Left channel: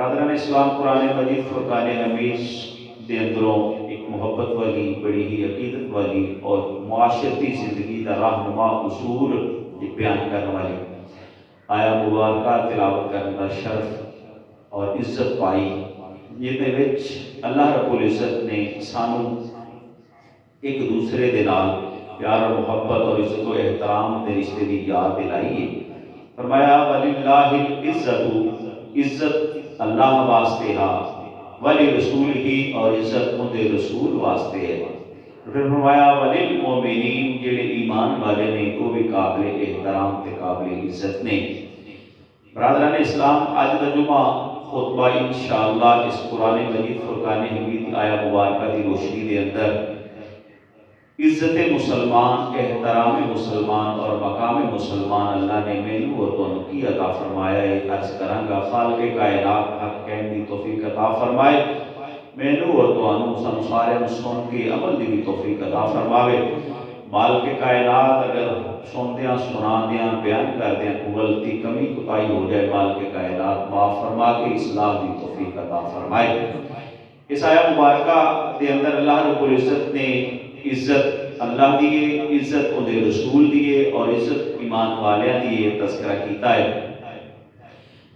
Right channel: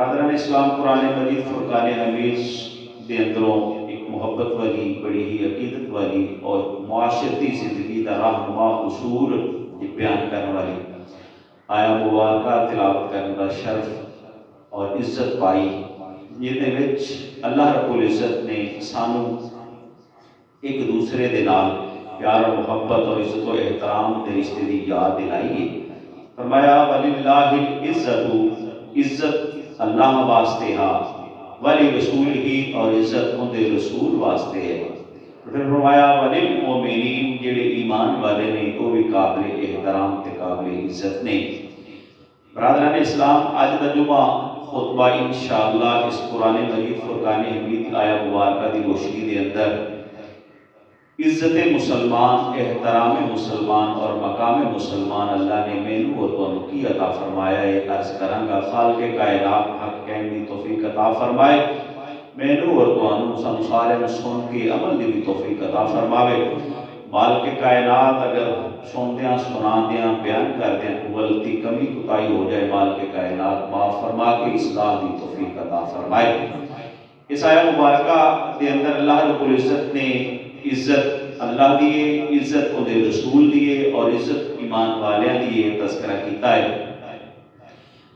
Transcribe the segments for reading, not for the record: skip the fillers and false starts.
برادران اسلام، قرآن مجید فرقان حمید دے اندروں ایک محبت والی، بڑی ہی عقیدت والی اور معاشرتی زندگی دا راہنما اصول بیان کرنے والی آیا مبارکہ تلاوت کرنے کا شرف اور عزت پائی، جہدے وچ اللہ رب العزت نے سانو ایک دوسرے دے نال پیار اور محبت اور عزت و احترام دے رشتے دی یاد دلائی ہے۔ فرمایا وَلِلَّهِ الْعِزَّةُ، عزت اللہ واسطے ہا، وَلِرَسُولِهِ، اور عزت ان دے رسول واسطے ہے۔ پھر فرمایا وَلِلْمُؤْمِنِينَ، جڑے ایمان والے نے وہ بھی قابل احترام تے قابل عزت نے۔ برادران اسلام، آج دا جمعہ خطبہ انشاءاللہ اس قرآن مجید فرقان حمید آیا مبارکہ دی روشنی دے اندر عزت مسلمان، احترام مسلمان اور مقام مسلمان اللہ نے مینو اور تانوں کی عطا فرمایا ہے عرض کرانگا۔ خالق کائنات حق کہن دی توفیق عطا فرمائے، مینو اور تانوں سانو سارے سن کے عمل دی بھی توفیق عطا فرماوے۔ مالک کائنات اگر سندیاں سنادیاں بیان کردیاں کوئی غلطی کمی کوتاہی ہو جائے، مالک کائنات معاف فرما کے اصلاح دی توفیق عطا فرمائے۔ اس آیہ مبارکہ دے اندر اللہ رب العزت نے عزت اللہ دیے، عزت ان دے رسول دیے اور عزت ایمان والیاں دیے تذکرہ کیتا ہے۔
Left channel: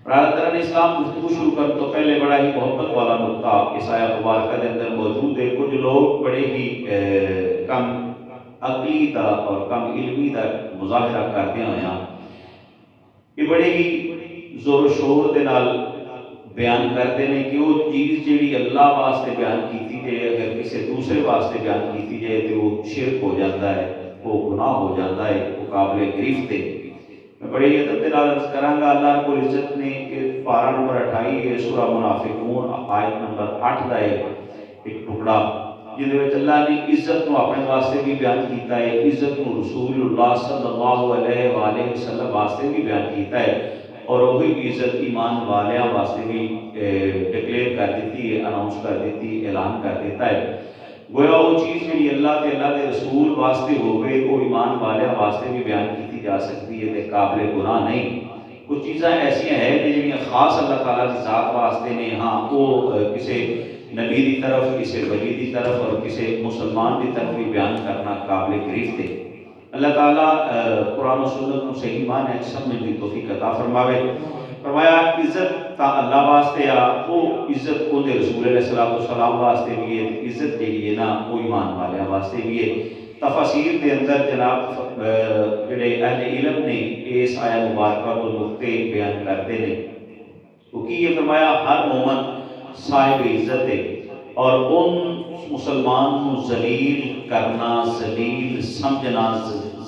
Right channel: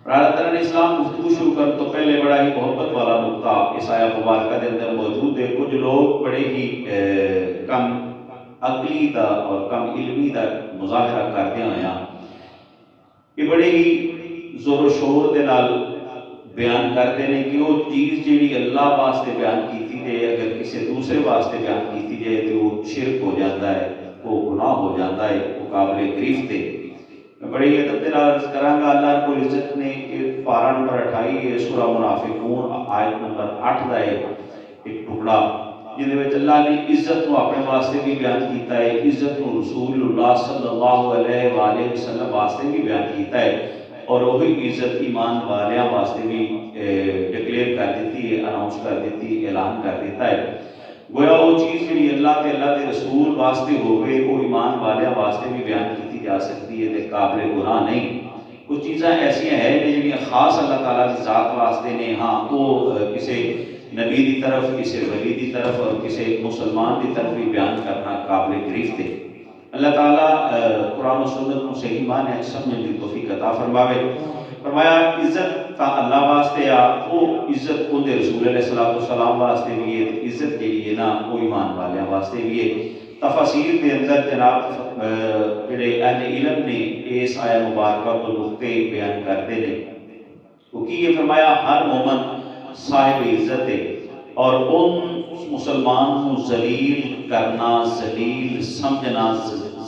برادران اسلام، گفتگو شروع کرنے تو پہلے بڑا ہی محبت والا نقطہ اس آیہ مبارکہ دے اندر موجود ہے۔ کچھ لوگ بڑے ہی کم عقلی دا اور کم علمی دا مظاہرہ کرتے ہوئے یہ بڑے ہی زور و شور دے نال بیان کرتے ہیں کہ وہ چیز جیڑی اللہ واسطے بیان کیتی جائے اگر کسی دوسرے واسطے بیان کیتی جائے تو وہ شرک ہو جاتا ہے، وہ گناہ ہو جاتا ہے، وہ قابل گرفت ہے۔ میں بڑے ہی ادب نال عرض کراں گا، اللہ رب العزت نے پارہ نمبر 28 سورہ منافقون آیت نمبر 8 دا ایک ٹکڑا جہدے وچ اللہ نے عزت نو اپنے واسطے بھی بیان کیتا ہے، عزت نو رسول اللہ صلی اللہ علیہ وآلہ وسلم واسطے بھی بیان کیتا ہے، اور وہی عزت ایمان والیاں واسطے بھی ڈکلیئر کر دیتی ہے، اناؤنس کر دیتی ہے، اعلان کر دیتا ہے۔ گویا وہ چیز جڑی اللہ دے رسول واسطے ہوئے وہ ایمان والیاں واسطے بھی بیان کیتی جا سکتی ہے تے قابل گناہ نہیں۔ کچھ چیزاں ایسیاں ہیں جڑیاں خاص اللہ تعالیٰ کی ذات واسطے نے، ہاں وہ کسی نبی دی طرف، کسی ولی دی طرف اور کسی مسلمان دی طرف بھی بیان کرنا قابل گرفت ہے۔ اللہ تعالیٰ قرآن و سنت کو صحیح معنی سمجھنے کی توفیق عطا فرماوے۔ فرمایا عزت تا اللہ واسطے آ، وہ عزت ان دے رسول علیہ السلام واسطے بھی ہے، عزت جڑی ہے نا وہ ایمان والیاں واسطے بھی ہے۔ تفاسیر دے اندر جناب جڑے اہل علم نے اس آیہ مبارکہ کو نقطے بیان کرتے ہیں، کیونکہ یہ فرمایا ہر مومن صاحب عزت ہے اور ان مسلمان کو ذلیل کرنا، ذلیل سمجھنا،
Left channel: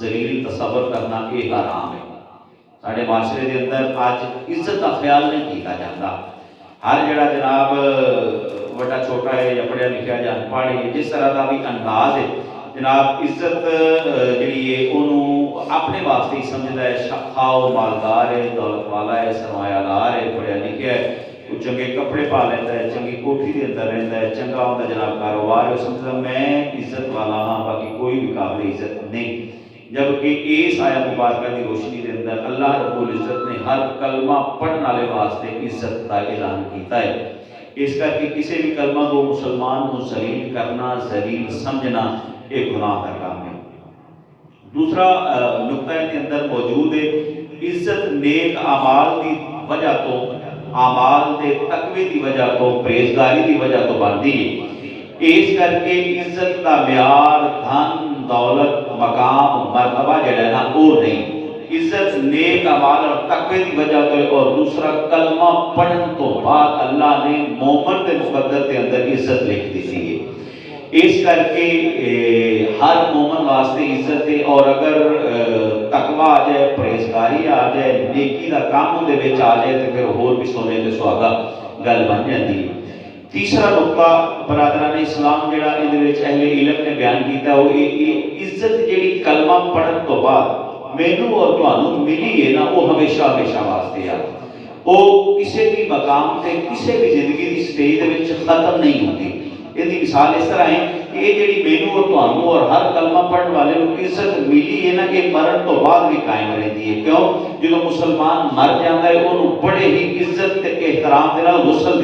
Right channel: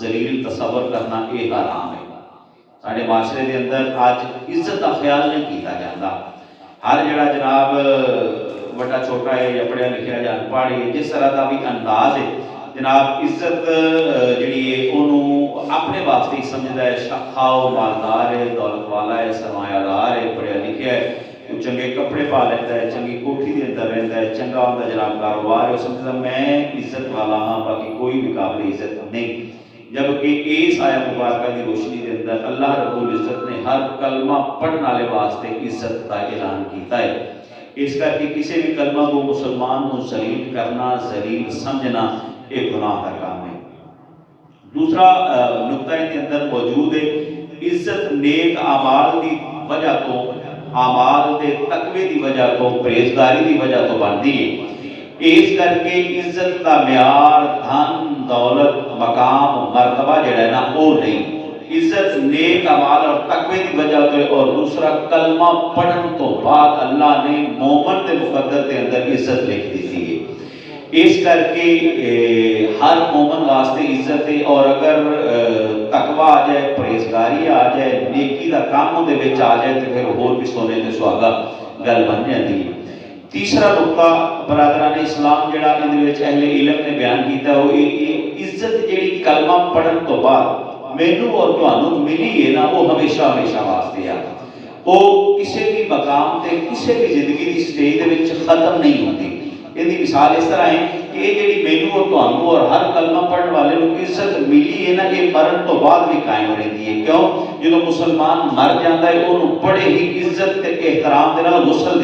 ذلیل تصور کرنا یہ حرام ہے۔ سارے معاشرے دے اندر آج عزت کا خیال نہیں کیتا جاتا۔ ہر جڑا جناب وڈا چھوٹا ہے یا پڑھیا لکھیا یا انپڑھ ہے، جس طرح کا بھی انداز ہے جناب عزت جڑی ہے انہوں اپنے واسطے ہی سمجھدا ہے، خواہ مالدار ہے، دولت والا ہے، سرمایہ دار ہے، پڑھیا لکھیا ہے، وہ چنگے کپڑے پا لیتا ہے، چنگی کوٹھی دے اندر رہتا ہے، چنگا ہوتا جناب کاروبار ہے، وہ سمجھتا میں عزت والا ہاں، باقی کوئی بھی قابل عزت نہیں۔ جبکہ اس آیہ مبارکہ دی روشنی دے اندر اللہ رب العزت نے ہر کلمہ پڑھنے والے واسطے عزت کا اعلان کیتا ہے۔ اس کر کے کسی بھی کلمہ کو مسلمان کو ذلیل کرنا، ذلیل سمجھنا ایک گناہ کا کام ہے۔ دوسرا نقطہ ان کے اندر موجود ہے، عزت نیک اعمال دی وجہ تو، اعمال دے تقوی دی وجہ تو، پرہیزگاری دی وجہ تو بنتی ہے۔ اس کر کے عزت کا معیار دھن دولت مقام مرتبہ جڑا ہے نا وہ نہیں، عزت نیک اعمال اور تقوی دی وجہ تو، اور دوسرا کلمہ پڑھن تو بعد اللہ نے مومن دے مقدر کے اندر عزت لکھ دی ہے۔ اس کر کے ہر مومن واسطے عزت ہے، اور اگر تقوی آ جائے، پرہیزگاری آ جائے، نیکی دا کام دے وچ آ جائے تو پھر ہور بھی سونے تے سہاگا گل بن جاتی ہے۔ تیسرا نقطہ برادران اسلام جڑا ان دے وچ اہل علم نے بیان کیتا وہ عزت جڑی کلمہ پڑھن تو بعد مینوں اور تانوں ملی ہے نا وہ ہمیشہ ہمیشہ واسطے آ، وہ کسی بھی مقام تے کسی بھی زندگی دی سٹیج دے وچ ختم نہیں ہوندی۔ ان کی مثال اس طرح ہے کہ یہ جڑی مینوں اور تانوں اور ہر کلمہ پڑھن والے نوں عزت ملی ہے نا یہ مرن تو بعد بھی قائم رہتی ہے۔ کیوں؟ جدوں مسلمان مر جاتا ہے انہوں بڑے ہی عزت تے احترام دے نال غسل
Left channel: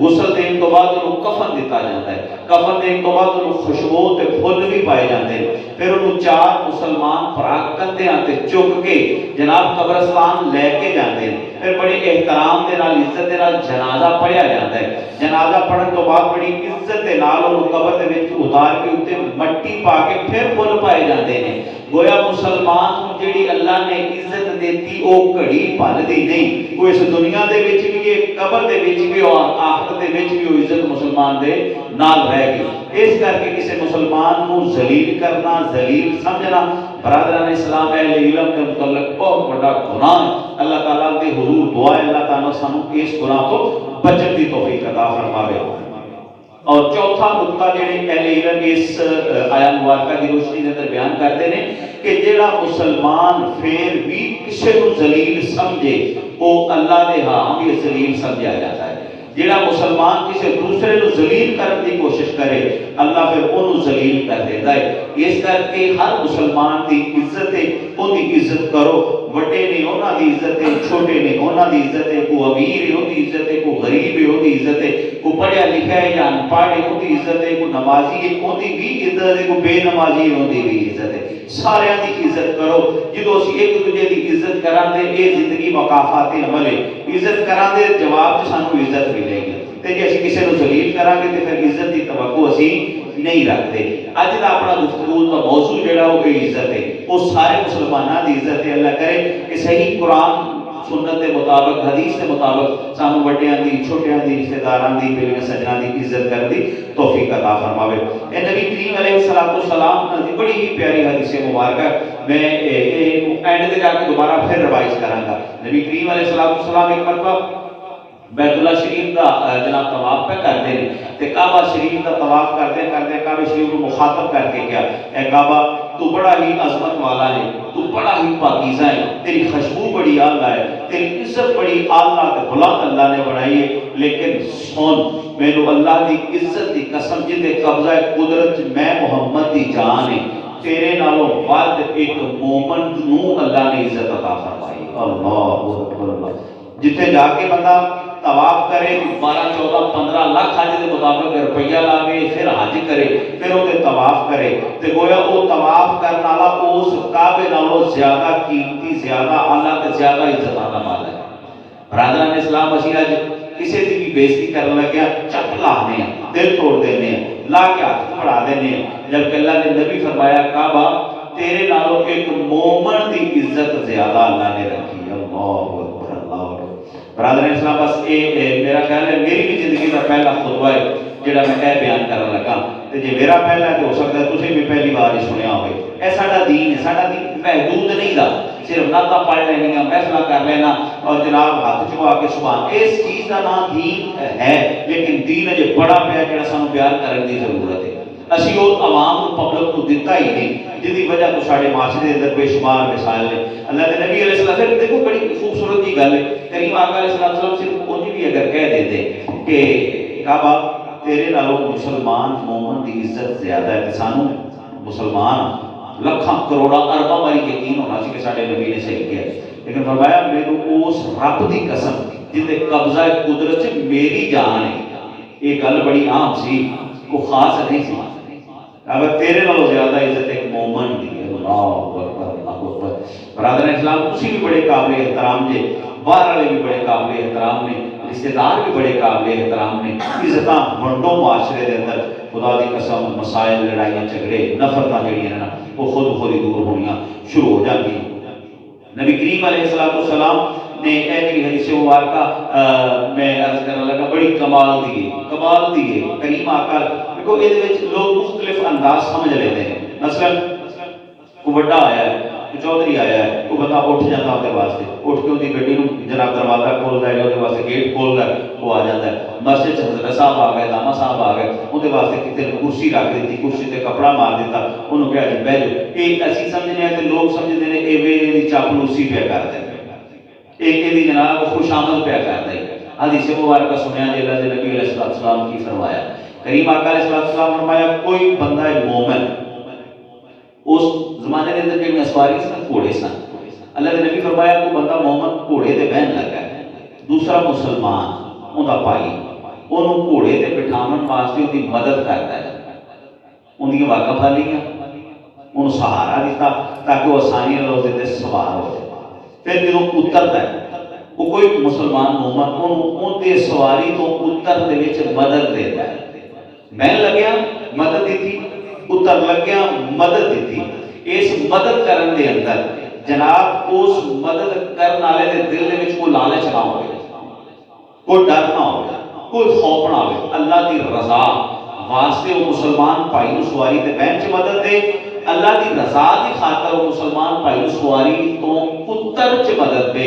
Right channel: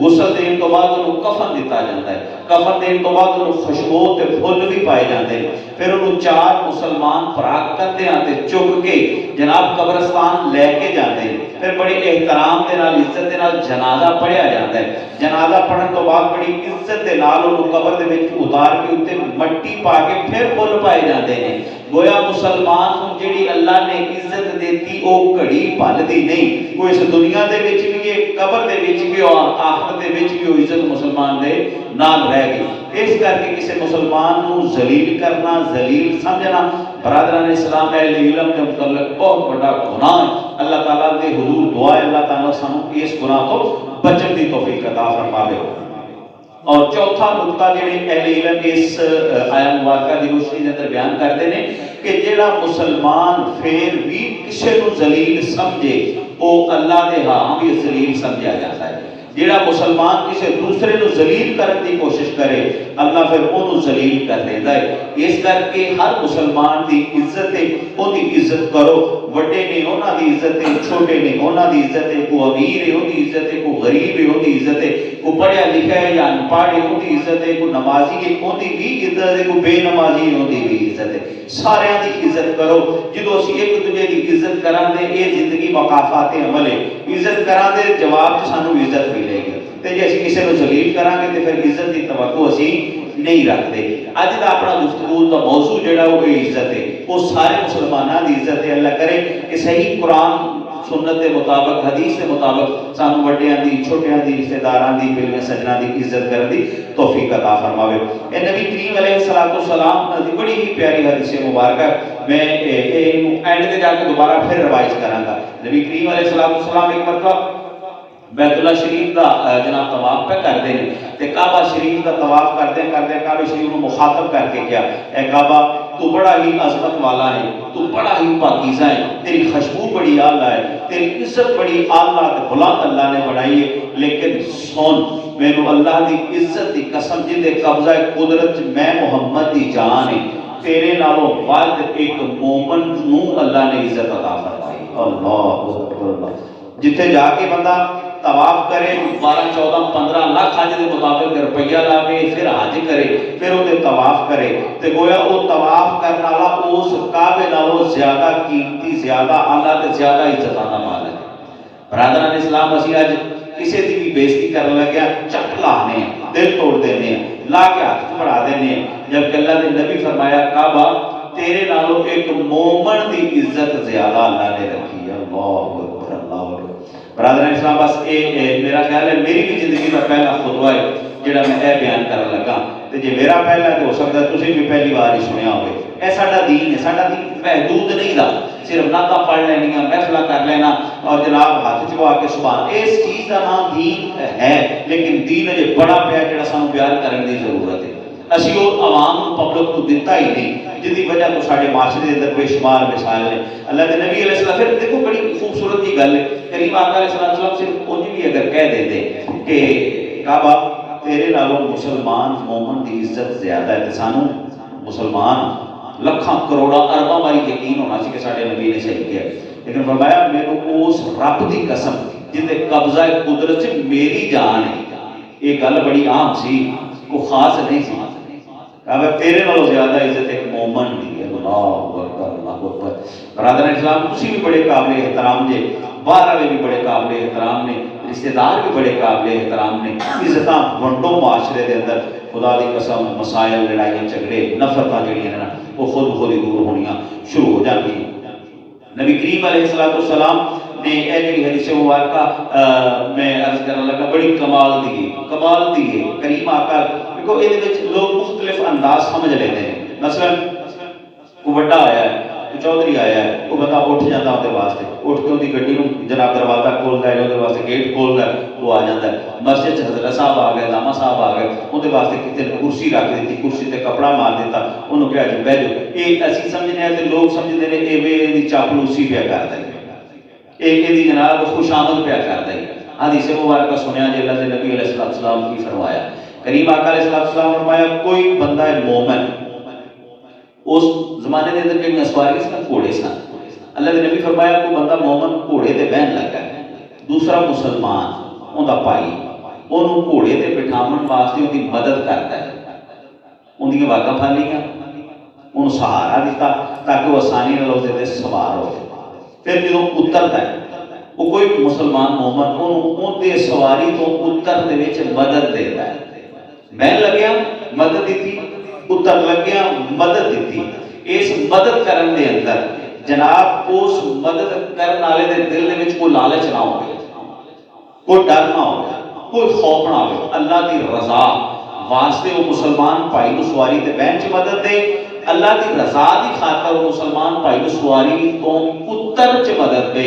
غسل دین تو بعد انہوں کفن دیتا جاتا ہے، کفن دین تو بعد انہوں خوشبو تے پھل بھی پائے جاتے ہیں، پھر انہوں 4 مسلمان پراگ کندے آتے چک کے جناب قبرستان لے کے جاتے ہیں، پھر بڑی احترام دے نال عزت دے نال جنازہ پڑھیا جاتا ہے، جنازہ پڑھن تو بعد بڑی عزت دے نال انہوں قبر دے وچ اتار کے اوتے مٹی پا کے پھر پھل پائے جاتے ہیں۔ گویا مسلمان کو جڑی اللہ نے عزت دیتی او گھڑی پھلدی نہیں، کوئی اس دنیا دے وچ بھی قبر دے وچ بھی اور آخرت دے وچ بھی وہ عزت مسلمان دے نال رہ گئی۔ اس کر کے کسی مسلمان نو ذلیل کرنا، ذلیل سمجھنا برادران اسلام اہل علم کے متعلق بہت بڑا گناہ ہے۔ اللہ تعالیٰ دے حضور دعا ہے اللہ تعالیٰ سانو اس گناہ تو بچن دی توفیق عطا فرماوے۔ اور چوتھا نقطہ جڑے اہل علم اس آیت مبارکہ دی روشنی دے اندر بیان کرتے ہیں کہ جڑا مسلمان پھر بھی کسی کو ذلیل سمجھے وہ اللہ دے ہاں بھی ذلیل سمجھا جاتا ہے۔ جڑا مسلمان کسی دوسرے کو ذلیل کرنے کی کوشش کرے اللہ پھر انہوں ذلیل کر دیتا ہے۔ اس کر کے ہر مسلمان دی عزت ہے وہ دی عزت کرو، بڑے نے انہاں دی عزت ہے، چھوٹے نے انہاں دی عزت ہے، کو امیر ہے وہ دی عزت ہے، کو غریب ہے وہ دی عزت ہے، کو پڑھیا لکھا ہے یا انپڑھ ہے وہ دی عزت ہے، کو نمازی ہے وہ دی بھی عزت ہے، کو بے نمازی ہے وہ دی بھی عزت ہے۔ سارے دی عزت کرو، جدو اسی ایک دوجے دی عزت کران دے اے زندگی مقافات عمل ہے، عزت کران دے جواب سانو عزت ملے گی، تے جے اسی کسی کو ذلیل کران گے تے پھر عزت دی توقع اسی نہیں رکھتے۔ اج دا اپنا گفتگو کا موضوع جڑا ہو گئی عزت ہے، وہ سارے مسلمانوں دی عزت ہے۔ اللہ کرے کہ صحیح قرآن سنت کے مطابق حدیث کے مطابق سانو بڑیاں دی چھوٹیاں دی رشتہ داراں دی بیویاں سجناں دی عزت کرن دی توفیق عطا فرماوے۔ اے نبی کریم علیہ السلام دی بڑی ہی پیاری حدیث مبارکہ میں اینڈ تے جا کے دوبارہ پھر روایت کراں گا۔ نبی کریم علیہ السلام ایک مرتبہ بیت اللہ شریف کا جناب طواف پہ کرتے ہیں تے کعبہ شریف کا طواف کرتے کرتے کعبہ شریف کو مخاطب کر کے کیا اے کعبہ تو بڑا ہی عظمت والا ہے، تو بڑا ہی پاکیزہ ہے، تیری خوشبو بڑی اعلیٰ ہے، تیری عزت بڑی اعلیٰ تے بلند اللہ نے بنائی ہے، لیکن سن میرے اللہ دی عزت دی قسم جتے قبضہ قدرت میں محمد دی جان ہے، تیرے نالوں بعد ایک مومن نو اللہ نے عزت عطا فرمائی۔ اللہ اکبر۔ جتے جا کے بندہ طواف کرے 12 14 15 لاکھ حج کے مطابق روپیہ لاوے پھر حج کرے پھر وہ طواف کرے تے گویا وہ طواف کرنے والا اس کعبے نالوں زیادہ قیمتی زیادہ اعلیٰ تے زیادہ عزت والا مال ہے۔ برادران اسلام اسی اج کسی دی بھی بےزتی کرنے لگیا چٹ لانے ہیں، دل توڑ دینے ہیں، لا کے ہاتھ پھڑا دینے ہیں، جبکہ اللہ نے نبی فرمایا کعبہ تیرے نالوں ایک مومن دی عزت زیادہ اللہ نے رکھی ہے۔ اللہ برادران اسلام بس میرا خیال ہے میری بھی زندگی کا پہلا خطبہ ہے جڑا میں اے بیان کرن لگا تے جے میرا پہلا تو ہو سکتا ہے تسی بھی پہلی بار ہی سنیا ہوئے۔ اے ساڈا دین ہے، ساڈا دین محدود نہیں دا صرف نعتاں پڑھ لینیاں محفلاں کر لینا اور جناب ہاتھ چکا کے سبحان اس چیز کا نام دین ہے، لیکن دین اجے بڑا پیا جڑا سانوں بیان کرن دی ضرورت ہے۔ اسی وہ عوام پبلک کو دیتا ہی نہیں جس کی وجہ تو سارے معاشرے اندر بے شمار مثال ہے۔ اللہ کے نبی علیہ السلام پھر دیکھو بڑی خوبصورت کی گل ہے، کریم آقا علیہ السلام صرف انہیں بھی اگر کہہ دیتے کہ کعبہ تیرے نالوں مسلمان مومن دی عزت زیادہ ہے، سانو مسلمان لکھاں کروڑا ارباں باری یقین ہونا سی کہ سارے نبی نے صحیح کیا، لیکن فرمایا میرے اس رب دی قسم جن دے قبضہ قدرت سے میری جان ہے، یہ گل بڑی عام سی، وہ خاص نہیں سی، اگر تیرے نالوں زیادہ عزت ایک مومن دی ہے۔ اللہ اکبر اللہ اکبر۔ برادر اسلام تسی بھی بڑے قابل احترام جے، باہر والے بھی بڑے قابل احترام نے، رشتہ دار بھی بڑے قابل احترام نے، عزتاں ونڈو معاشرے دے اندر خدا دی قسم مسائل لڑائیاں جھگڑے نفرتاں جڑیاں ہیں نا وہ خود ہی دور ہونیاں شروع ہو جاندی۔ نبی کریم علیہ السلام نے اے جڑی حدیث مبارکہ میں عرض کرنے لگا بڑی کمال دی ہے۔ کریم آقا کو یہ لوگ مختلف انداز سمجھ لیتے ہیں، مثلا کوئی بڑا آیا ہے، کوئی چودھری آیا ہے، وہ بندہ اٹھ جاتا ہے واسطے، اٹھ کے اندھی گڈی جناب دروازہ کھولتا ہے، وہ واسطے گیٹ کھولتا ہے، وہ آ جاتا ہے۔ مسجد حضرت صاحب آ گئے، داما صاحب آ گئے، اندھے واسطے کتے کرسی رکھ دیتی، کرسی تے کپڑا مار دیتا، انہوں کہا جی بیٹھ جاؤ۔ یہ اسی سمجھنے ہیں کہ لوگ سمجھتے ہیں کہ یہ چاپلوسی پیا کرتے ہیں، یہ جناب خوش آمد پیا کرتا ہے۔ حدیث مبارکہ سنیا جی اللہ نبی علیہ السلام کی فرمایا، کریم آقا علیہ السلام نے فرمایا کوئی بندہ مومن اس زمانے کے اندر جو سواری سن گھوڑے سن، اللہ کے نبی فرمایا کوئی بندہ مومن گھوڑے تے بہن لگا ہے، دوسرا مسلمان اوندا بھائی، انہوں ਉਹਨੂੰ ਘੋੜੇ ਤੇ ਬਿਠਾਉਣ ਵਾਸਤੇ ਉਹਦੀ ਮਦਦ ਕਰਦਾ ਹੈ, ਉਹਦੀਆਂ ਬਾਗਾਂ ਫਾਲੀਆਂ, ਉਹਨੂੰ ਸਹਾਰਾ ਦਿੱਤਾ ਤਾਂ ਕਿ ਉਹ ਆਸਾਨੀ ਨਾਲ ਉਹਦੇ ਤੇ ਸਵਾਰ ਹੋ ਜਾਏ। ਫਿਰ ਜਦੋਂ ਉਤਰਦਾ ਹੈ ਉਹ ਕੋਈ ਮੁਸਲਮਾਨ ਮੋਮਨ ਉਹਨੂੰ ਉਹਦੇ ਸਵਾਰੀ ਤੋਂ ਉਤਰਨ ਦੇ ਵਿੱਚ ਮਦਦ ਦਿੰਦਾ ਹੈ। ਮੈਂ ਲੱਗਿਆ ਮਦਦ ਦਿੱਤੀ, ਉਤਰ ਲੱਗਿਆ ਮਦਦ ਦਿੱਤੀ। ਇਸ ਮਦਦ ਕਰਨ ਦੇ ਅੰਦਰ ਜਨਾਬ ਉਸ ਮਦਦ ਕਰਨ ਵਾਲੇ ਦੇ ਦਿਲ ਦੇ ਵਿੱਚ ਕੋਈ ਲਾਲਚ ਨਾ ਹੋਵੇ, ਕੋਈ ਡਰ ਨਾ ਹੋਵੇ, ਕੋਈ ਖੌਫ ਨਾ ਹੋਵੇ। ਅੱਲਾਹ ਦੀ ਰਜ਼ਾ ਵਾਸਤੇ ਉਹ ਮੁਸਲਮਾਨ ਭਾਈ ਨੂੰ ਸਵਾਰੀ ਤੇ ਬਹਿਣ 'ਚ ਮਦਦ ਦੇ, ਅੱਲਾਹ ਦੀ ਰਜ਼ਾ ਦੀ ਖਾਤਰ ਉਹ ਮੁਸਲਮਾਨ ਭਾਈ ਨੂੰ ਸਵਾਰੀ ਤੋਂ ਉਤਰ 'ਚ ਮਦਦ ਦੇ।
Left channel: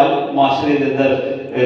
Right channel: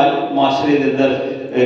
ਅੱਜ ਮੁਆਸ਼ਰੇ ਦੇ ਅੰਦਰ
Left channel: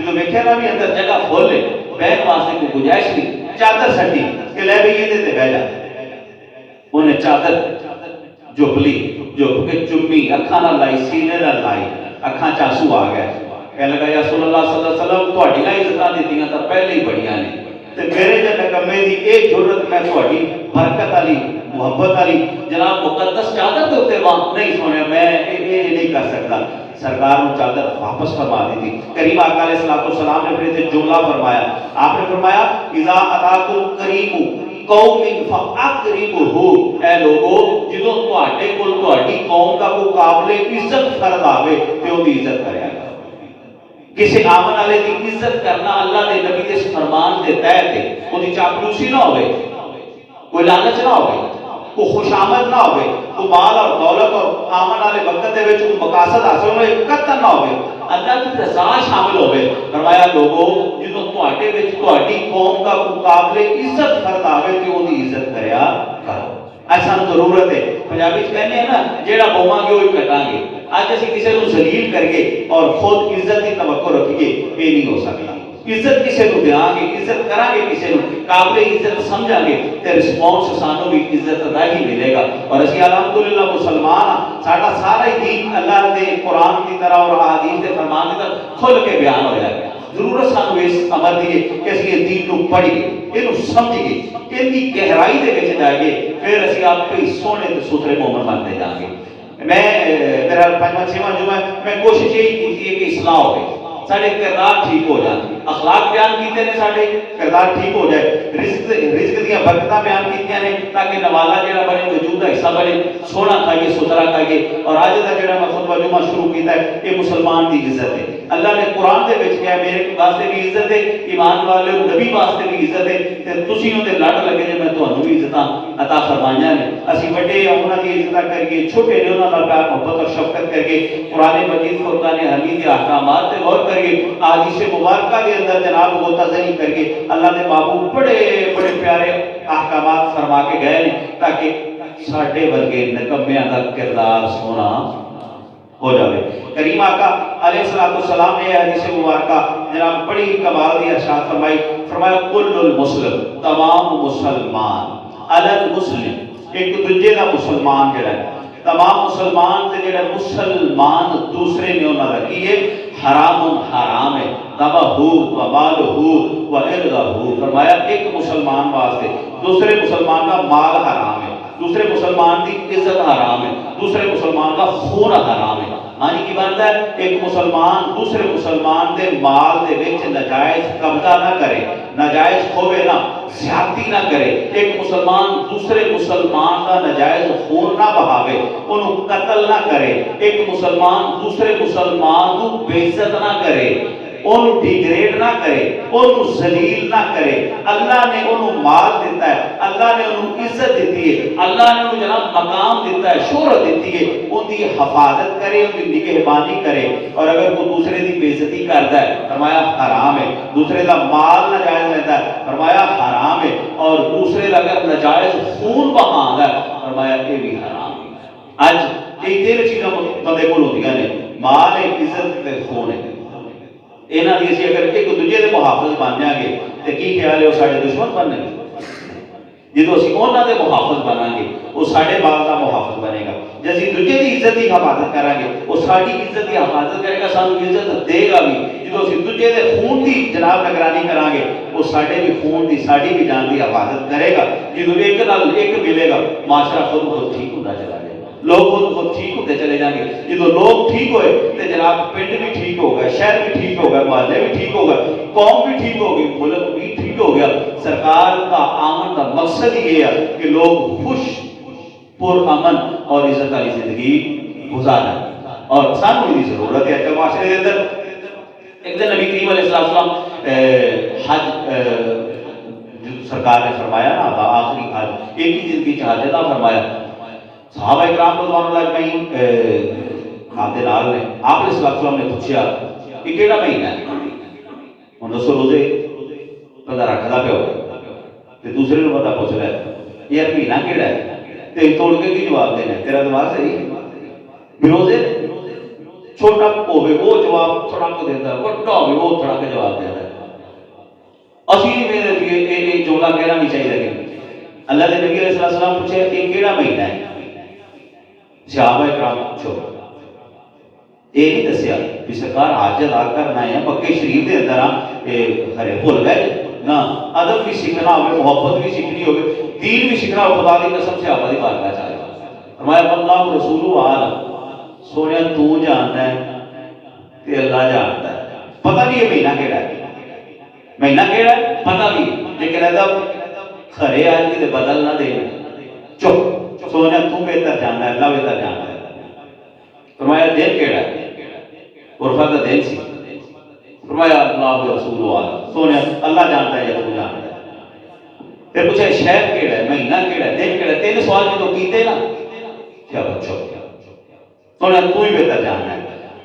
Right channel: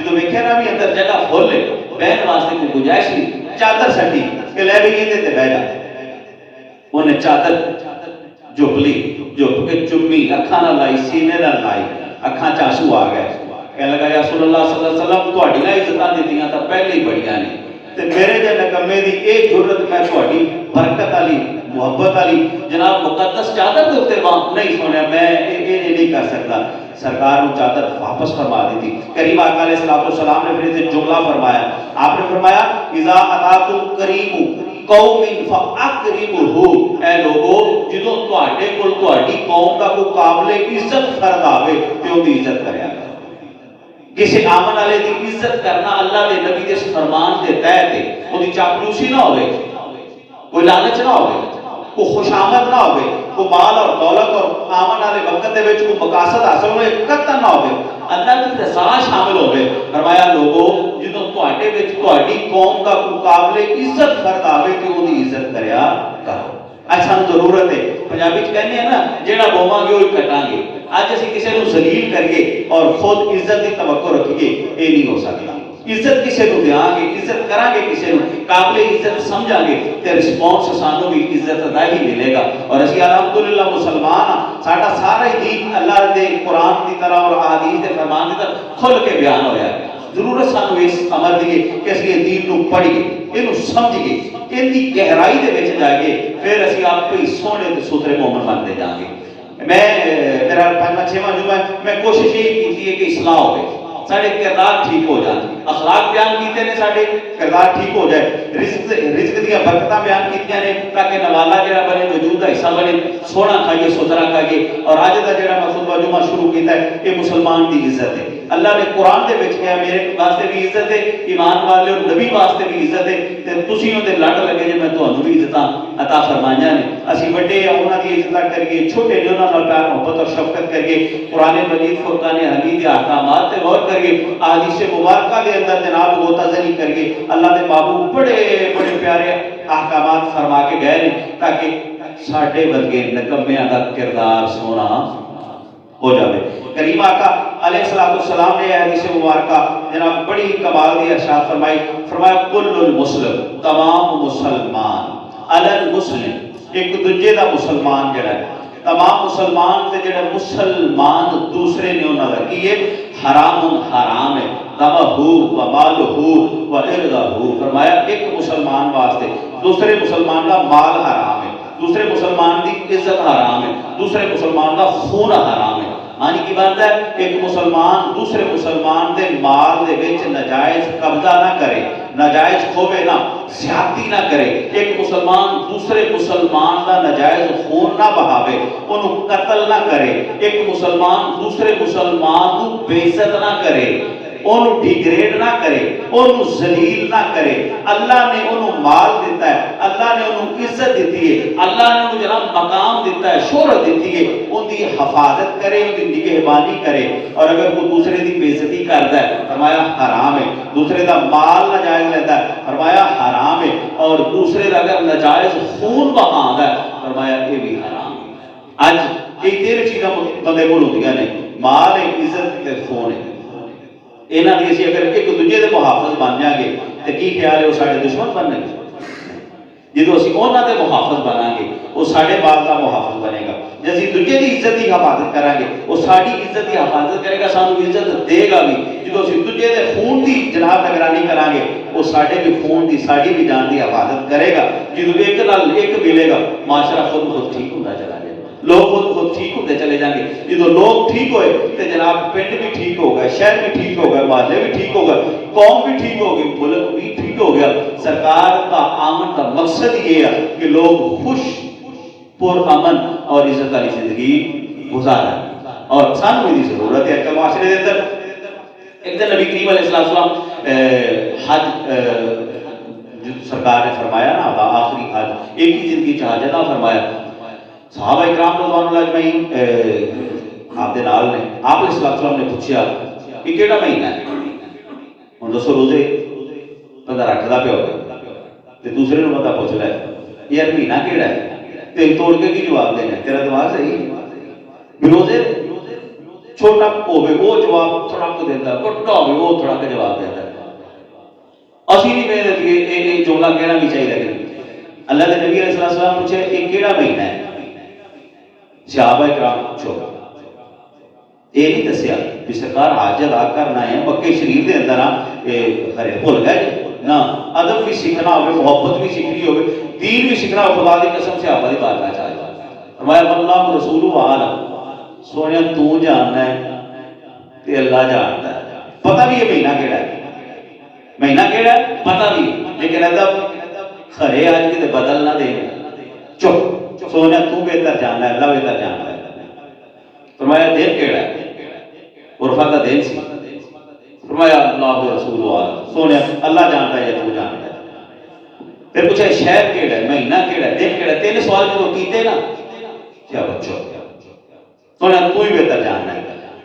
جدوں ویکھیا نا بھی اندر جگہ فل ہے بہن واسطے کوئی گنجائش نہیں چادر سٹی کہ لے بھی یہ تے بہ جا انہیں چادر جھپ لی جھپ کے چمی اکھاں نال لائی سینے نال لائی اکھاں چاسو آ گئے کہنے لگا یا رسول اللہ صلی اللہ علیہ وسلم تہاڈیاں عزتاں دتیاں تاں پہلے ہی بڑیاں نے تے میرے جے نکمے دی اے جرت میں تہاڈی برکت والی محبت والی جناب مقدس چادر دے اوتے نہیں سونیا میں اے نہیں کر سکتا سرکار نے چادر واپس فرما دی تھی کریم آقا علیہ السلام نے پھر اسے جملہ فرمایا آپ نے فرمایا اذا اتاکم کریم قوم فاکرمہ اے لوگو جدوں تہاڈے کول تہاڈی قوم دا کوئی قابل عزت فرد آوے تے او دی عزت کریا کسی آمن والے دی عزت کرنا اللہ دے نبی دے فرمان دے تحت ہے او دی چاپلوسی نہ ہوئے کوئی لالچ نہ ہوئے کوئی خوشامد نہ ہوئے کوئی مال اور دولت اور آمن والے وقت دے وچ کوئی مقاصد حاصل ہوئے قطع نہ ہوئے اللہ کی رضا شامل ہوئے فرمایا لوگو جدوں تہاڈے وچ تہاڈی قوم دا کوئی قابل عزت فرد آوے تے او دی عزت کریا کرو اج سانوں ضرورت ہے پنجابی چ کہنے ہیں نا جیڑا بوواں گے وہی کٹاں گے اج اسی کسی نوں ذلیل کریے اور خود عزت کی توقع رکھیے یہ نہیں ہو سکتا عزت کسی کو دیاں گے عزت کران گے کسی نوں قابل عزت سمجھاں گے تے رسپانس سانوں بھی عزت دا ہی ملے گا اور اسی الحمدللہ مسلمان ساڈا سارا ہی دین اللہ دے قرآن کی طرح اور احادیث دے فرمان کی طرح کھل کے بیان ہویا ہے ضرورت سانوں اس امر دی کہ اس لیے دین کو پڑھیے اینو سمجھیے ان کی گہرائی دے وچ جائیے پھر اسی آپ پہ سونے تے ستھرے مومن بنتے جائیں گے میں میرا پہلا چھواں جمعہ میں کوشش یہی کی ہے کہ اصلاح ہوئے سارے کردار ٹھیک ہو جائیں اخلاق بیان کیتے نے سارے کردار ٹھیک ہو جائے رزق دیا برکتاں بیان کیتیاں نے تاکہ نوالا جڑا بنے وجود دا حصہ بنے سونا کھائیے ستھرا کھائیے اور اج دا جڑا میں خطبہ جمعہ شروع کیتا ہے کہ مسلمان دی عزت ہے اللہ نے قرآن دے وچ کہا میرے واسطے بھی عزت ہے ایمان والے نبی واسطے بھی عزت ہے تے تسی اون دے لڑ لگے جے میں تانوں بھی عزتاں عطا فرمائیاں نے اسی بڑے انہاں دی عزت کریے چھوٹے جو انہاں نال پیار محبت اور شفقت کریے قرآن مجید فرقان حمید کے احکامات تے غور کریے احادیث مبارکہ دے اندر جناب غوطہ کریے اللہ دے محبوب بڑے بڑے پیارے احکامات فرما کے گئے نے تاکہ ساڈے ورگے نکمیاں دا کردار سونا ہو جائے کریم آقا علیہ السلام نے حدیث مبارکہ جناب بڑی کمال دی ارشاد فرمائی فرمایا کل المسلم تمام مسلمان علی المسلم ایک دوجے دا مسلمان جڑا ہے تمام مسلمان تے جڑے مسلمان دوسرے نے انہاں دا کی ہے حرام ہے دمہ و مال و ارضہ فرمایا ایک مسلمان واسطے دوسرے مسلمان کا مال حرام ہے دوسرے مسلمان کی عزت حرام ہے دوسرے مسلمان کا خون حرام ہے معنی کی بات ہے ایک مسلمان دوسرے مسلمان دے مال دے وچ ناجائز قبضہ نہ کرے ناجائز کھوے نہ زیادتی نہ کرے ایک مسلمان دوسرے مسلمان کا ناجائز خون نہ بہاوے انہوں قتل نہ کرے ایک مسلمان دوسرے مسلمان کو بے عزت نہ کرے انہوں ڈیگریڈ نہ کرے انہوں ذلیل نہ کرے اللہ نے انہوں مال دیتا ہے اللہ نے انہوں عزت دیتی ہے اللہ نے انہوں جناب مقام دیتا ہے شہرت دیتی ہے ان دی حفاظت کرے ان دی نگہبانی کرے اور اگر کوئی دوسرے دی بے عزتی کرتا ہے فرمایا حرام ہے دوسرے دا مال ناجائز لیتا ہے فرمایا حرام ہے اور دوسرے دا اگر ناجائز خون بہاندا ہے فرمایا یہ بھی حرام ہے اج یہ تین چیزاں بندے کول ہوندیاں نے مال ہے عزت تے خون ہے انہاں دی اسی اگر ایک دوجے دے محافظ بن جائیں گے تے کی خیال ہے وہ ساڈے دشمن بننے گے جدوں اسی انہاں دے محافظ بناں گے وہ ساڈے بال دا محافظ بنے گا جے اسی دوجے دی عزت دی حفاظت کریں گے وہ ساڈی عزت دی حفاظت کرے گا سانوں عزت دے گا بھی جدوں اسی دوجے دے خون دی جناب نگرانی کریں گے وہ ساڈے بھی خون دی ساڈی بھی جان دی حفاظت کرے گا جدوں ایک نال ایک ملے گا معاشرہ خود ٹھیک ہوندا چلا جائے لوگ خود ٹھیک ہوتے چلے جائیں گے جدو لوگ ٹھیک ہوئے تو جناب پنڈ بھی ٹھیک ہوگا شہر بھی ٹھیک ہوگا محلے بھی ٹھیک ہوگا قوم بھی ٹھیک ہوگی ملک بھی ٹھیک ہو گیا سرکار کا آمن کا مقصد یہ ہے کہ لوگ خوش پر امن اور عزت والی زندگی گزاریں اور سانوں کی ضرورت ہے کہ معاشرے کے اندر ایک دن نبی کریم علیہ السلام حج سرکار نے فرمایا نا آخری حج ایک ہی زندگی حج ادا فرمایا صحابہ اکرام رضوان اللہ اجمعین آپ دے نال نے آپ علیہ السلام نے پوچھا کہ کیڑا مہینہ ہے ہن دسو روزے بندہ رکھدا پیا ہوگا تے دوسرے نوں بندہ پوچھ لے یار مہینہ کیڑا ہے تے توڑ کے کی جواب دینا تیرا دماغ صحیح ہے روزے چھوٹا ہوے وہ جواب تھڑک دیتا، وڈا ہوے وہ تھڑک جواب دیتا۔ اسی نہیں میرے لیے یہ جملہ کہنا بھی چاہیے کہ اللہ کے نبی علیہ السلام پوچھے یہ کیڑا مہینہ ہے؟ صحابہ کرام پوچھو، یہ نہیں دسیا کہ سرکار حج ادا کرنا ہے مکے شریف کے اندر ہرے بھول گئے نہ، ادب بھی سیکھنا ہوگی، محبت بھی سیکھنی ہوگی، دین بھی سیکھنا ہو، خدا کی قسم صحابہ کی بارگاہ چاہیے فرمایا اللہ رسول عالم، سونے تو جاننا ہے تے اللہ جانتا ہے، پتہ بھی یہ مہینہ کیڑا ہے، مہینہ کیڑا ہے پتہ بھی، لیکن ادب کھڑے آج کی بدل نہ دے، چپ سونے تو بہتر جاننا ہے، اللہ بہتر جانتا ہے۔ فرمایا دن کیڑا ہے؟ عرفہ کا دن سی، فرمایا اللہ رسول عالم، سونے اللہ جانتا ہے یا تو جانتا ہے۔ پھر پوچھا شہر کیڑا ہے، مہینہ کیڑا ہے، دن کیڑا ہے، تین سوال جو کیتے نا کیا بچو سونے تو ہی بہتر جاننا ہے۔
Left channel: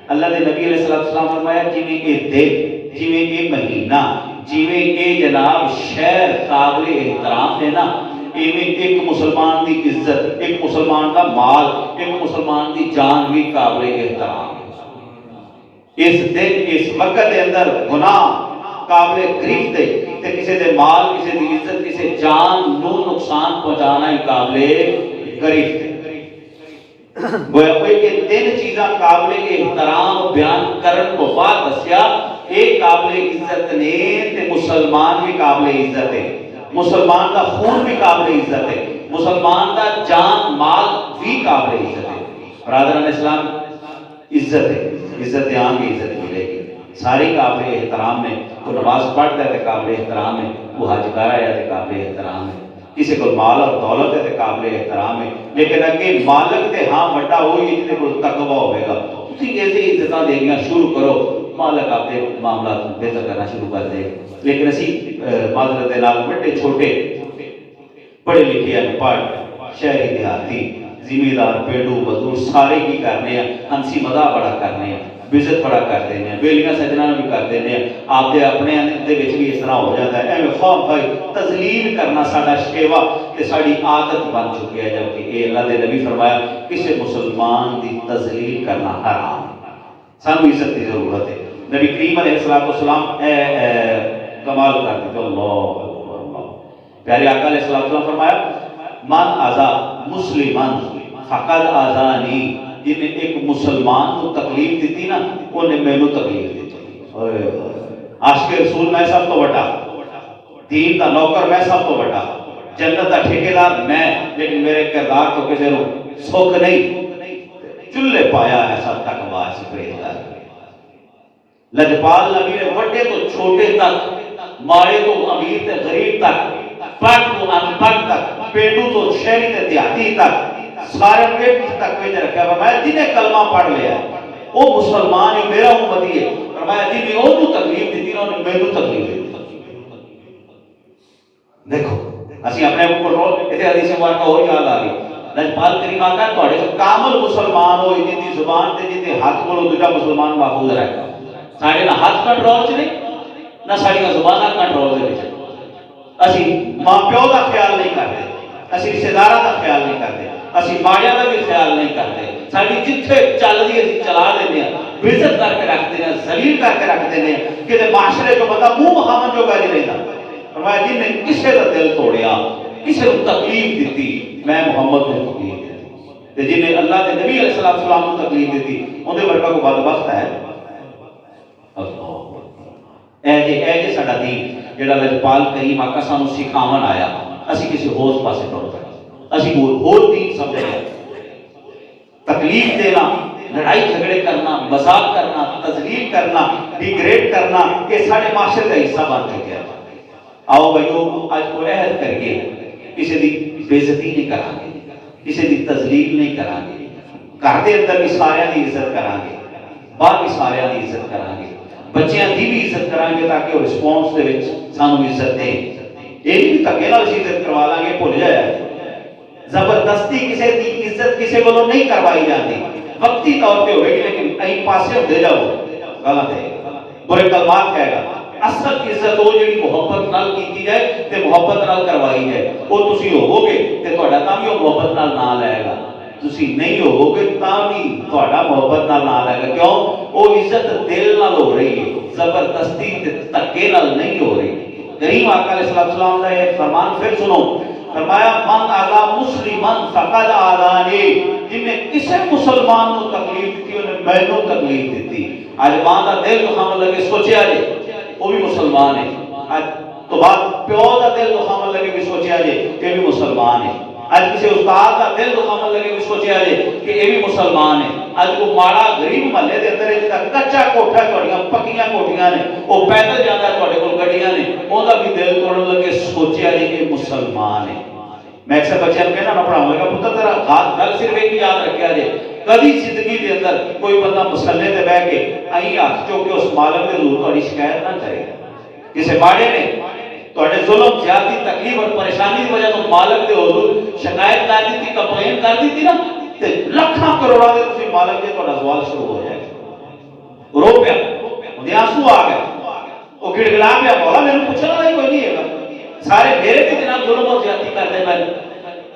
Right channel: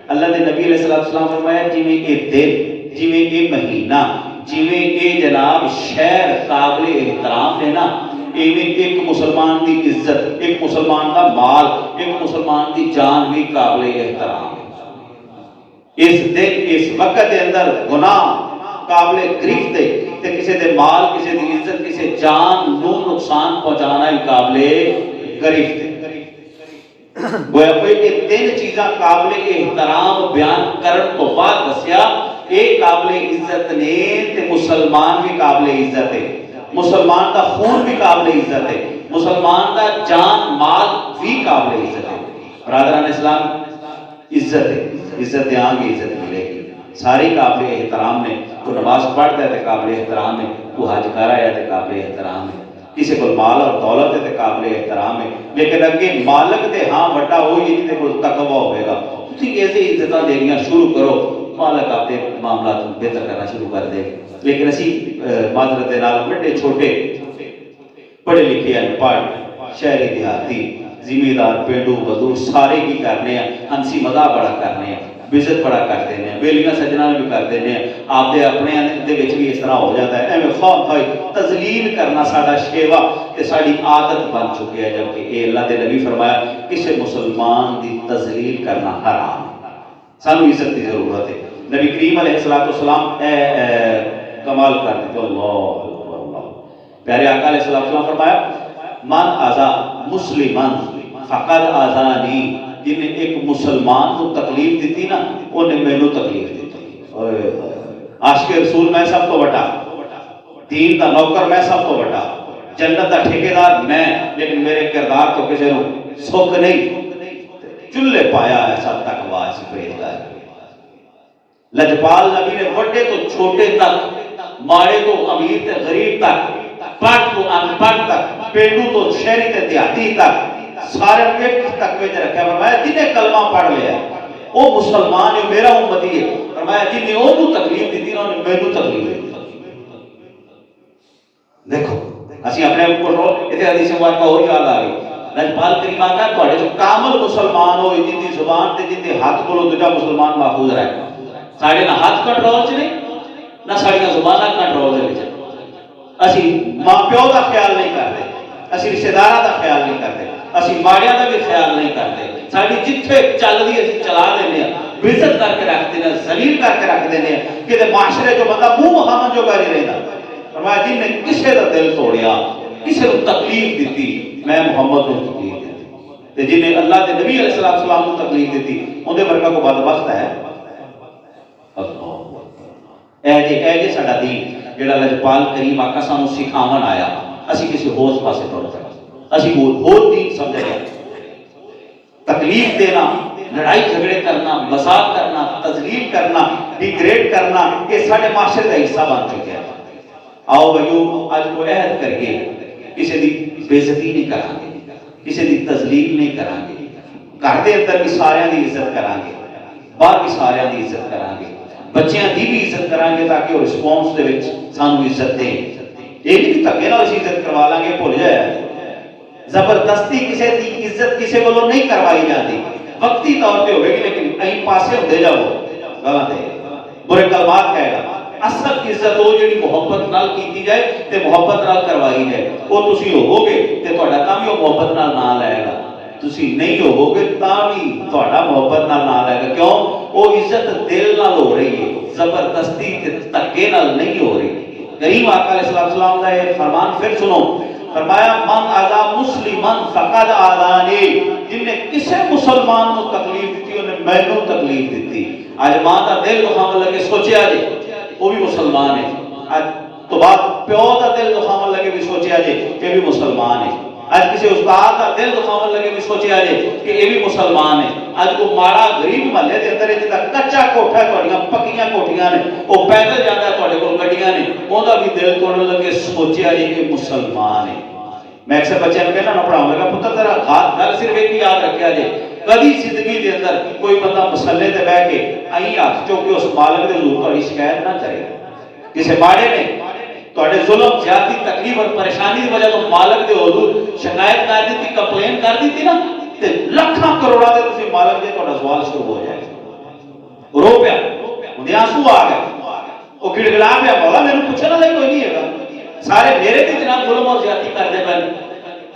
اللہ نے نبی علیہ السلام فرمایا جویں یہ دن، جویں یہ مہینہ، جویں یہ جناب شہر قابل احترام ہے نا، ایویں ایک مسلمان دی عزت، ایک مسلمان کا مال، ایک مسلمان دی جان بھی قابل احترام ہے۔ اس دن اس وقت کے اندر گناہ قابل گرفت ہے تے کسی دے مال، کسی دی عزت، کسی جان نو نقصان پہنچانا ہی قابل گرفت ہے۔ گویا کہ تین چیزاں قابل احترام بیان کرن کو بعد دسیا ایک قابل عزت نے تے مسلمان بھی قابل عزت ہے، مسلمان کا خون بھی قابل عزت ہے، مسلمان کا جان مال بھی قابل عزت ہے۔ برادران اسلام عزت ہے، عزت یہاں کی عزت ملے گی، ساری قابل احترام نے، وہ نماز پڑھتا ہے تو قابل احترام ہے، وہ حج کر رہا ہے تو قابل احترام ہے، کسی کو مال اور دولت ہے تو قابل احترام ہے، لیکن اگے مالک تے ہاں وڈا ہوئی جتے کو تقوی ہوئے گا، تسی ایسے عزتاں دینا شروع کرو، مالک آپ کے معاملات بہتر کرنا شروع کر دے۔ لیکن اسی معذرت دے نال بڑے چھوٹے پڑھے لکھے ہیں، پڑھ شہری دیہاتی ذمہ پیڑو مزدور سارے کی کرنے ہیں، ہنسی مزاح بڑا کرنے ہیں، بزت بڑا کر دینے ہیں، ویلیاں سجنا بھی کر دینے ہیں، آپ دے اپنے دے وچ بھی اس طرح ہو جاتا ہے، ایویں خواہ بھائی تذلیل کرنا ساڈا شیوا تے ساڈی عادت بن چکی ہے، جبکہ اے اللہ دے نبی فرمایا کسی مسلمان دی تذلیل کرنا حرام ہے، سانو عزت کی ضرورت ہے۔ نبی کریم علیہ السلام کمال کر دیتے، اللہ پیارے آقا علیہ السلام فرمایا من آزا مسلمان فقد آزانی، جن نے ایک مسلمان کو تکلیف دیتی نا انہیں میرے تکلیف دیتی۔ عاشق رسول میں سب تو بڑا، دین کا نوکر میں سب تو بڑا، جنت کا ٹھیکیدار میں، لیکن میرے کردار تو کسی کو سوکھ نہیں، چلے پایا ہے سب تک واس پریدار۔ لجپال نبی نے بڑے تو چھوٹے تک، مارے تو امیر تے غریب تک، پڑھ تو ان پڑھ تک، پیڑو تو شہری تے دیہاتی تک، سارے ایک تک میں رکھا۔ فرمایا جنہیں کلمہ پڑھ لیا وہ مسلمان ہے، میرا امتی ہے۔ فرمایا جنہیں وہ کو تکلیف دیتی انہوں نے میرے کو تکلیف دیتی۔ دیکھو اسی اپنے کو پڑھو، اتنے حدیث مبارکہ اور یاد آ گئی، لجپال کریم آقا تھوڑے جو کامل مسلمان ہو جن دی زبان تے جن دے ہاتھ بولو دوجا مسلمان محفوظ رہے۔ ساڑھے نہ ہاتھ کنٹرول چ نہیں، نہ ساڑھے زبانہ کنٹرول دے وچ۔ اسی ماں پیو دا خیال نہیں کرتے، اسی رشتہ داراں دا خیال نہیں کرتے، اسی ماڑیاں دا بھی خیال نہیں کرتے، ساڑھی جتھے چل دی اسی چلا دینے ہیں، بزت کر کے رکھ دینے ہیں، ذلیل کر کے رکھ دینے ہیں، کہ معاشرے جو بندہ منہ محمد جو گاری رہتا۔ فرمایا جن نے کسے دا دل توڑیا، کسے کو تکلیف دیتی، میں محمد کو تکلیف دیتی، جن نے اللہ کے نبی علیہ السلام کو تکلیف دیتی ان دے برکہ کو بدبخت ہے۔ اے جے ساڈا دین جڑا لجپال کریم آقا سانو سکھاون آیا، اسی کسی ہور پاسے ٹر پئے، اسی ہور دین سمجھ رہے تکلیف دینا، لڑائی جھگڑے کرنا، مذاق کرنا، تذلیل کرنا، ڈیگریڈ کرنا، یہ سارے معاشرے کا حصہ بن چکے ہیں۔ آؤ بھائیو آج کو عہد کر کے کسی دی بے عزتی نہیں کریں گے، کسی دی تذلیل نہیں کریں گے، گھر دے اندر بھی سارے دی عزت کریں گے، باہر بھی سارے دی عزت کریں گے، بچیاں دی بھی عزت کریں گے تاکہ وہ رسپونس دے وچ سانو عزت دیں۔ یہ نہیں تکے نال اسی عزت کروا لیں گے، بھول جائے زبردستی کسی دی عزت کسی کو نہیں کروائی جاتی، وقتی طور پہ ہوئے گی، لیکن کہیں پاسے دے جاؤ غلط ہے، برے کلمات کہے گا۔ اصل عزت وہ جڑی محبت نال کیتی جائے تے محبت نال کروائی جائے، وہ تسی ہوو گے تے تہاڈا تاں بھی وہ محبت نال نہ لائے گا، تسی نہیں ہوو گے تاں بھی تہاڈا محبت نال نہ لائے گا، کیوں وہ عزت دل نال ہو رہی ہے زبردستی تے تکے نال نہیں ہو رہی کریم آقا علیہ السلام کا یہ فرمان پھر سنو فرمایا من آذا مسلمان فقد آذانی جن نے کسے مسلمان کو تکلیف دیتی انہیں مینوں تکلیف دیتی آج ماں کا دل دکھاون لگے سوچیا جے وہ بھی مسلمان ہے آج تو بات پیو کا دل دکھاون لگے بھی سوچیا جے کہ بھی مسلمان ہے آج کسی استاد کا دل دکھاون لگے بھی سوچیا جے کہ یہ بھی مسلمان ہے آج کو ماڑا غریب محلے دے اندر جدا کچا کوٹھا تھوڑیاں پکیاں کوٹھیاں نے وہ پیدل جاتا ہے تھوڑے کول گڈیاں نے اوندا بھی دل توڑن لگے سوچیا جے کہ مسلمان ہے میں اکثر بچیاں کہنا نہ پڑھاؤں گا پتر ذرا ہاتھ گل صرف ایک یاد رکھیا جے کبھی زندگی دے اندر کوئی بندہ مسلے تے بیٹھ کے ائی ہاتھ چوک کے اس مالک دے حضور تہاڈی شکایت نہ کرے کسے باڑے نے تہاڈے ظلم زیادتی تکلیف اور پریشانی دی وجہ تو مالک دے حضور شکایت کر دیتی کمپلین کر دیتی نا تے لاکھاں کروڑاں دے تسی مالک دے تہاڈا سوال شروع ہو جائے رو پیا اودے آنسو آ گئے او گڑگڑا پیا مولا مینوں پوچھنا نہیں کوئی نہیں ہے سارے میرے تے جناب ظلم اور زیادتی کردے پے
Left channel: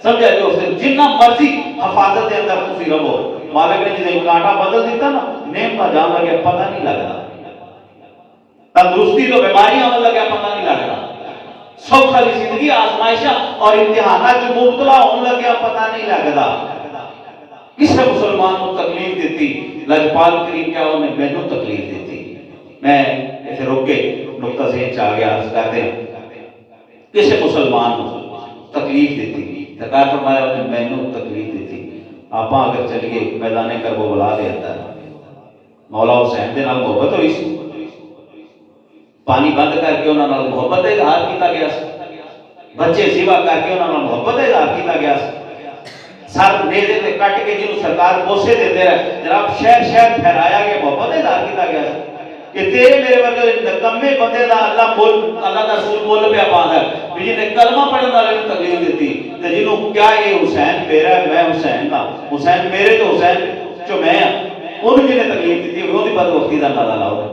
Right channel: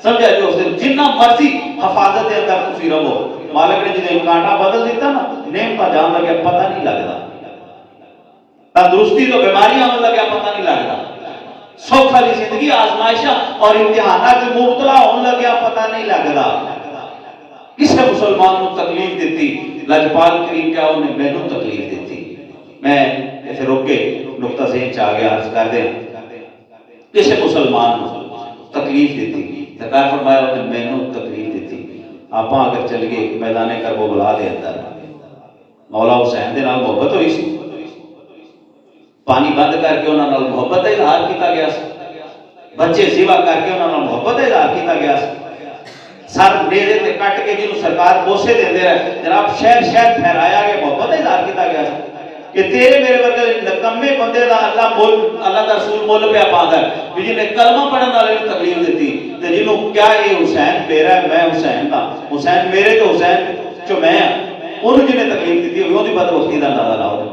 سمجھا جو جنہ مرضی حفاظت دے اندر تسی رہو مالک نے جدے کانٹا بدل دیتا نا نعمت جان لگے پتہ نہیں لگدا تندرستی تو بیماریاں ہونے لگے پتہ نہیں لگدا سوکھ والی زندگی آزمائشاں اور امتحانات میں مبتلا ہونے لگے پتہ نہیں لگدا کسے مسلمان کو تکلیف دیتی لجپال کریم کیا انہیں مینوں تکلیف دیتی میں ایسے روک کے نقطہ ذہن چاہ گیا عرض کر دیں کسے مسلمان کو تکلیف دیتی سرکار فرمایا انہیں مینوں تکلیف دیتی آپ اگر چل گئے میدان کربلا دے اندر مولا حسین دے نال محبت ہوئی سی پانی بند کر کے انہاں نال محبت دا اظہار کیتا گیا سی بچے ذبح کر کے انہاں نال محبت دا اظہار کیتا گیا سی سر نیزے تے کٹ کے جنوں سرکار بوسے دیندے رہے جناب شہر شہر پھیرایا گیا محبت دا اظہار کیتا گیا سی کہ تیرے میرے ورگے نکمے بندے دا اللہ دا رسول مول پیا پاندا ہے بھی جن نے کلمہ پڑھن والے نوں تکلیف دیتی تے جنوں کیا یہ حسین میرا ہے میں حسین دا حسین میرے تو حسین جو میں انہوں جن نے تکلیف دیتی ہے انہوں بدبختی دا اندازہ لاؤ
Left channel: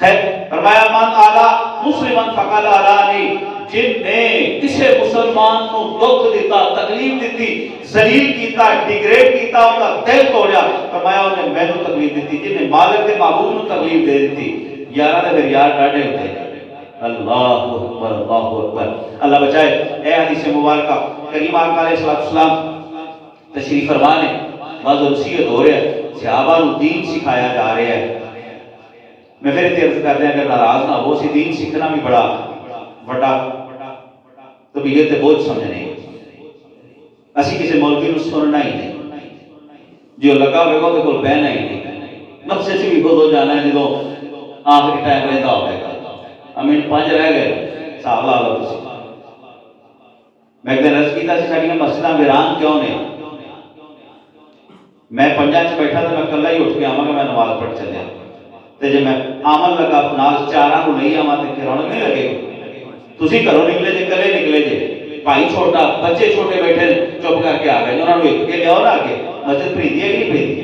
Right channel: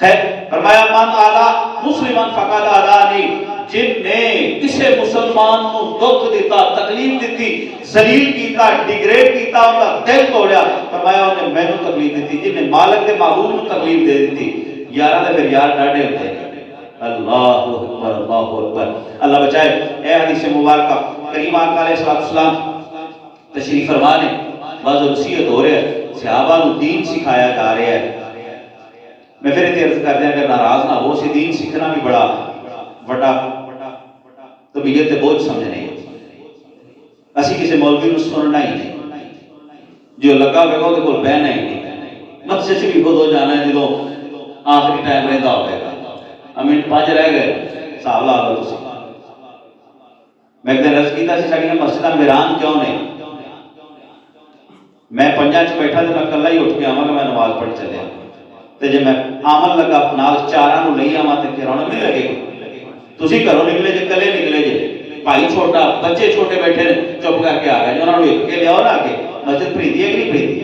خیر فرمایا من آذا مسلمان فقد آذانی جن نے کسے مسلمان کو دکھ دیتا تکلیف دیتی ذلیل کیتا ڈیگریڈ کیتا ان کا دل توڑیا فرمایا انہیں مینوں تکلیف دیتی جن نے مالک دے معبود کو تکلیف دے دیتی یارہ نے پھر یار ڈاڑے ہوتے ہیں اللہ اکبر اللہ بچائے اے حدیث مبارکہ کریم آقا علیہ السلام تشریف فرما نے بعض وصیت ہو رہا ہے صحابہ نو دین سکھایا جا رہا ہے میں پھر عرض کر دیں اگر ناراض نہ ہو سی دین سیکھنا بھی بڑا بڑا طبیعت بوجھ سمجھنے اسی کسی مولوی نو سننا ہی نہیں جو لگا ہوئے گا وہ کول بہنا ہی نہیں مسجد سے بھی خود ہو جانا ہے جدو آخری ٹائم رہتا ہوئے گا امین 5 رہ گئے صاحب لا لو تسی میں ایک دن عرض کیتا سی ساڈیاں مسجداں ویران کیوں نے میں 5 چ بیٹھا تو میں کلا ہی اٹھ کے آواں میں نماز پڑھ چلیا تے جے میں آمن لگا نال 4 نو لئی آواں تے کراون نہیں لگے تسی گھروں نکلے جے کلے نکلے جے بھائی چھوٹا بچے چھوٹے بیٹھے نے چپ کر کے آ گئے انہاں نو ایک کے لیاؤ نا آگے مسجد پریتی ہے کہ نہیں پریتی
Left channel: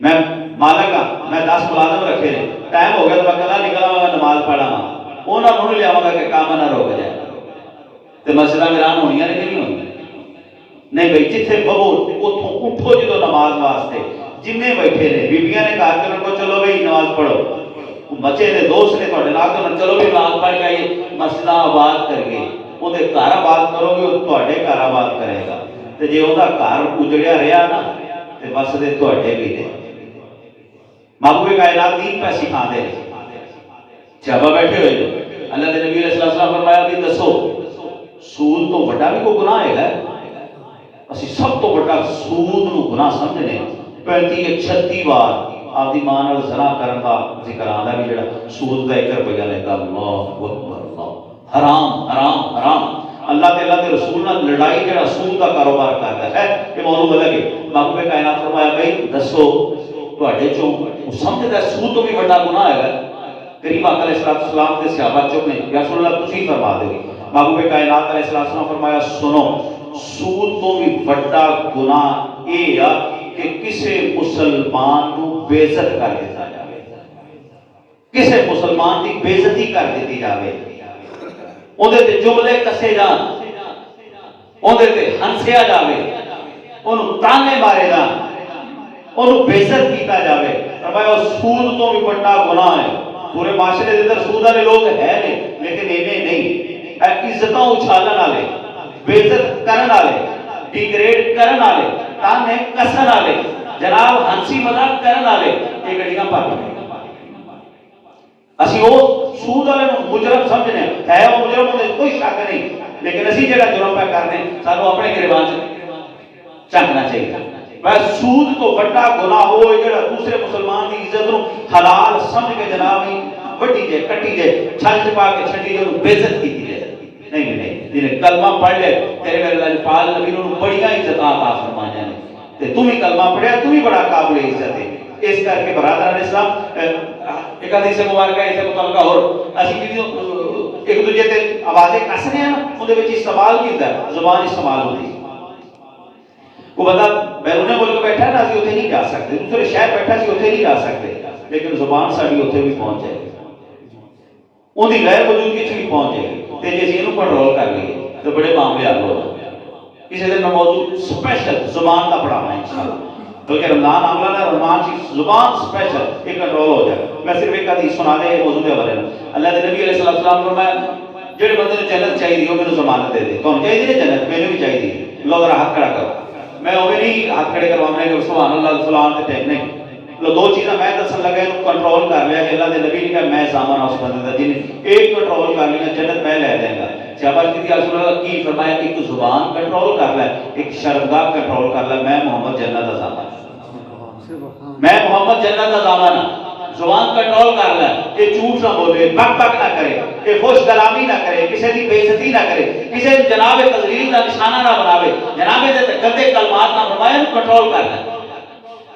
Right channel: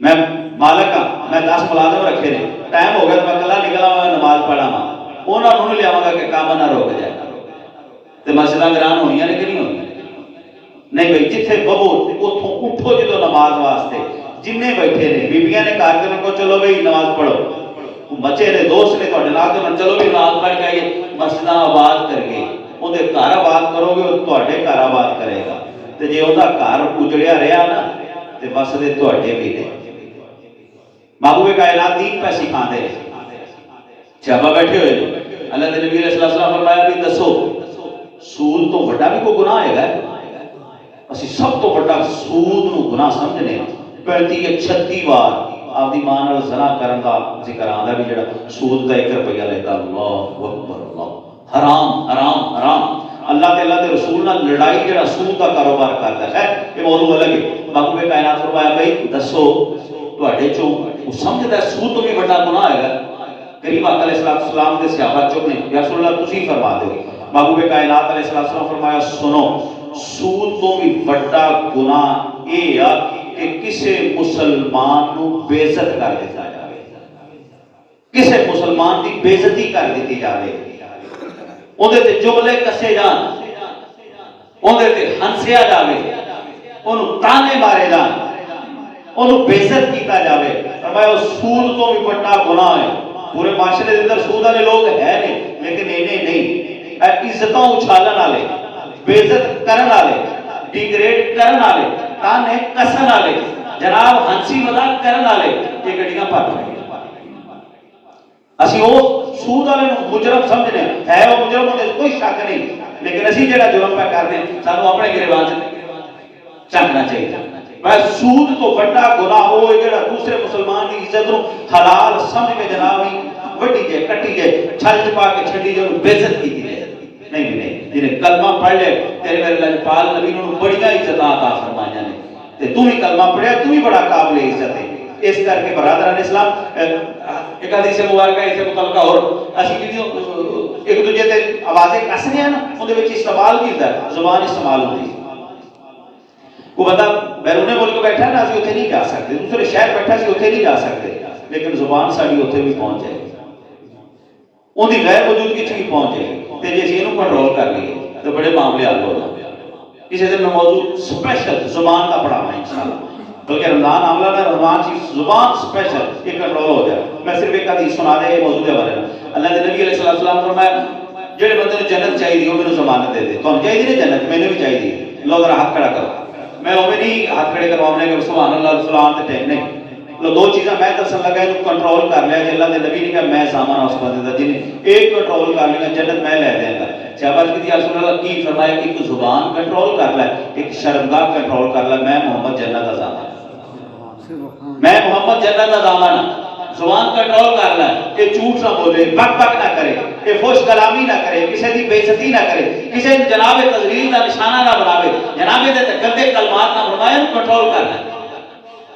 میں مالک ہاں میں 10 ملازم رکھے نے ٹائم ہو گیا تو میں کلا نکلا میں نماز پڑھا ہاں انہاں نو لے آواں گا کہ کام نہ روک جائے تے مسجداں ویران ہونیاں نے کہ نہیں ہونی نہیں بھائی جتھے بہو اتھوں اٹھو جدو نماز واسطے جننے بیٹھے نے بیبیاں نے کہا کہ ان کو چلو بھائی نماز پڑھو بچے نے دوست نے تھوڑے نال تو چلو بھی نماز پڑھ کے آئیے مسجداں آباد کر کے اودے گھر آباد کرو گے وہ تواڈے گھر آباد کرے گا تے جے اوندا گھر اجڑیا رہیا نا تے بس دے تواڈے بھی نے محبوب کائنات دین پہ سکھاندے نے صحابہ بیٹھے ہوئے نے اللہ دے نبی علیہ السلام فرمایا بھی دسو سود تو بڑا بھی کوئی گناہ ہے گا اسی سب تو بڑا سود نو گناہ سمجھنے 35-36 بار آپ دی ماں نال زنا کرن دا ذکر آندا بھی جڑا سود دا 1 روپیہ لیتا اللہ اکبر اللہ حرام حرام حرام اللہ تعالیٰ دے رسول نال لڑائی جڑا سود دا کاروبار کردا ہے کہ موضوع الگ ہے محبوب کائنات فرمایا بھائی دسو تواڈے چوں سمجھدا سود تو بھی بڑا گناہ ہے کریم آقا علیہ السلام دے صحابہ چوں نے یا رسول اللہ تسی فرما دیو محبوب کائنات علیہ السلام فرمایا سنو سود تو بھی بڑا گناہ یہ ہے کہ کسے مسلمان کو بے عزت کر دیتا جاوے کسے مسلمان کی بے عزتی کر دیتی جاوے اندے تے جملے کسے جان اندے تے ہنسیا جاوے انہوں تانے مارے جان انہوں بےزت کیتا جاوے، فرمایا سود تو بھی بڑا گناہ ہے، پورے معاشرے دے اندر سود والے لوگ ہیں نے لیکن انہیں نہیں، عزتوں اچھالن والے، بےزت کرن والے، ڈیگریڈ کرن والے، تانے کسن والے، جناب ہنسی مذاق کرن والے، یہ گڈیاں پر اسی وہ سود والے مجرم سمجھنے ہے، وہ مجرم ہونے کوئی شک نہیں، لیکن اسی جڑا جرم پہ کرنے سانو اپنے گریبان سے چاہنا چاہیے۔ بس سود تو بڑا گناہ ہوئے جڑا دوسرے مسلمان کی عزت نو حلال سمجھ کے جناب ہی وڈی جائے، کٹی جائے، چھل چپا کے چھڑی جو بےزت کی جائے، نہیں نہیں، جنہیں کلمہ پڑھ لے تیرے میرے اللہ پال نبی نے بڑی عزت عطا فرمایا نے، تے تو ہی کلمہ پڑھیا تو ہی بڑا قابل عزت ہے۔ اس کر کے برادران اسلام ایک حدیث مبارکہ ہے اسے مطلقہ اور اسی ویڈیو ایک دوجہ تے آوازیں کسنے ہیں نا ان دے وچ استعمال بھی ہوتا ہے، زبان استعمال ہوتی ہے۔ وہ بندہ بیرون ملک بیٹھا ہے نا، اسی اتنے نہیں جا سکتے، دوسرے شہر بیٹھا اسی اتنے نہیں جا سکتے، لیکن زبان ساری اتنے بھی پہنچ جائے گی، ان کی غیر موجودگی بھی پہنچ جائے گی، تے جے اسی کنٹرول کر لیے تو بڑے معاملے حل ہو جائیں۔ کسی دن میں موضوع سپیشل زبان کا پڑھاؤں انشاءاللہ، بلکہ رمضان عاملہ نہ رمضان کی زبان سپیشل ایک کنٹرول ہو جائے۔ میں صرف ایک حدیث سنا دے یہ موضوع کے بارے میں، اللہ کے نبی علیہ السلام نے فرمایا جڑے بندے نے جنت چاہیے ہو میرے ضمانت دے دے، کون چاہیے نہیں جنت، میں نے بھی چاہیے، لوگ ہاتھ کھڑا کرو، میں وہ نہیں ہاتھ کھڑے کروانے کہ سبحان اللہ فلان تے ٹیک نہیں، لو دو چیزاں میں دسن لگا ان کنٹرول کر لیا کہ اللہ کے نبی نے کہا میں سامان اس بندے دا جنہیں ایک کنٹرول کر لیا جنت میں لے دیں گا۔ صحابہ کی رسول اللہ کی فرمایا ایک زبان کنٹرول کر لے، ایک شرمگاہ کنٹرول کر لے، میں محمد جنت دا زامن، میں محمد جنت دا زامن، زبان کنٹرول کر لے، یہ جھوٹ نہ بولے، بک بک نہ کرے، یہ خوش کلامی نہ کرے، کسی دی بے عزتی نہ کرے، کسی دی جناب تذلیل کا نشانہ نہ بناوے، جناب دے گندے کلمات نہ فرمائے، کنٹرول کر لے۔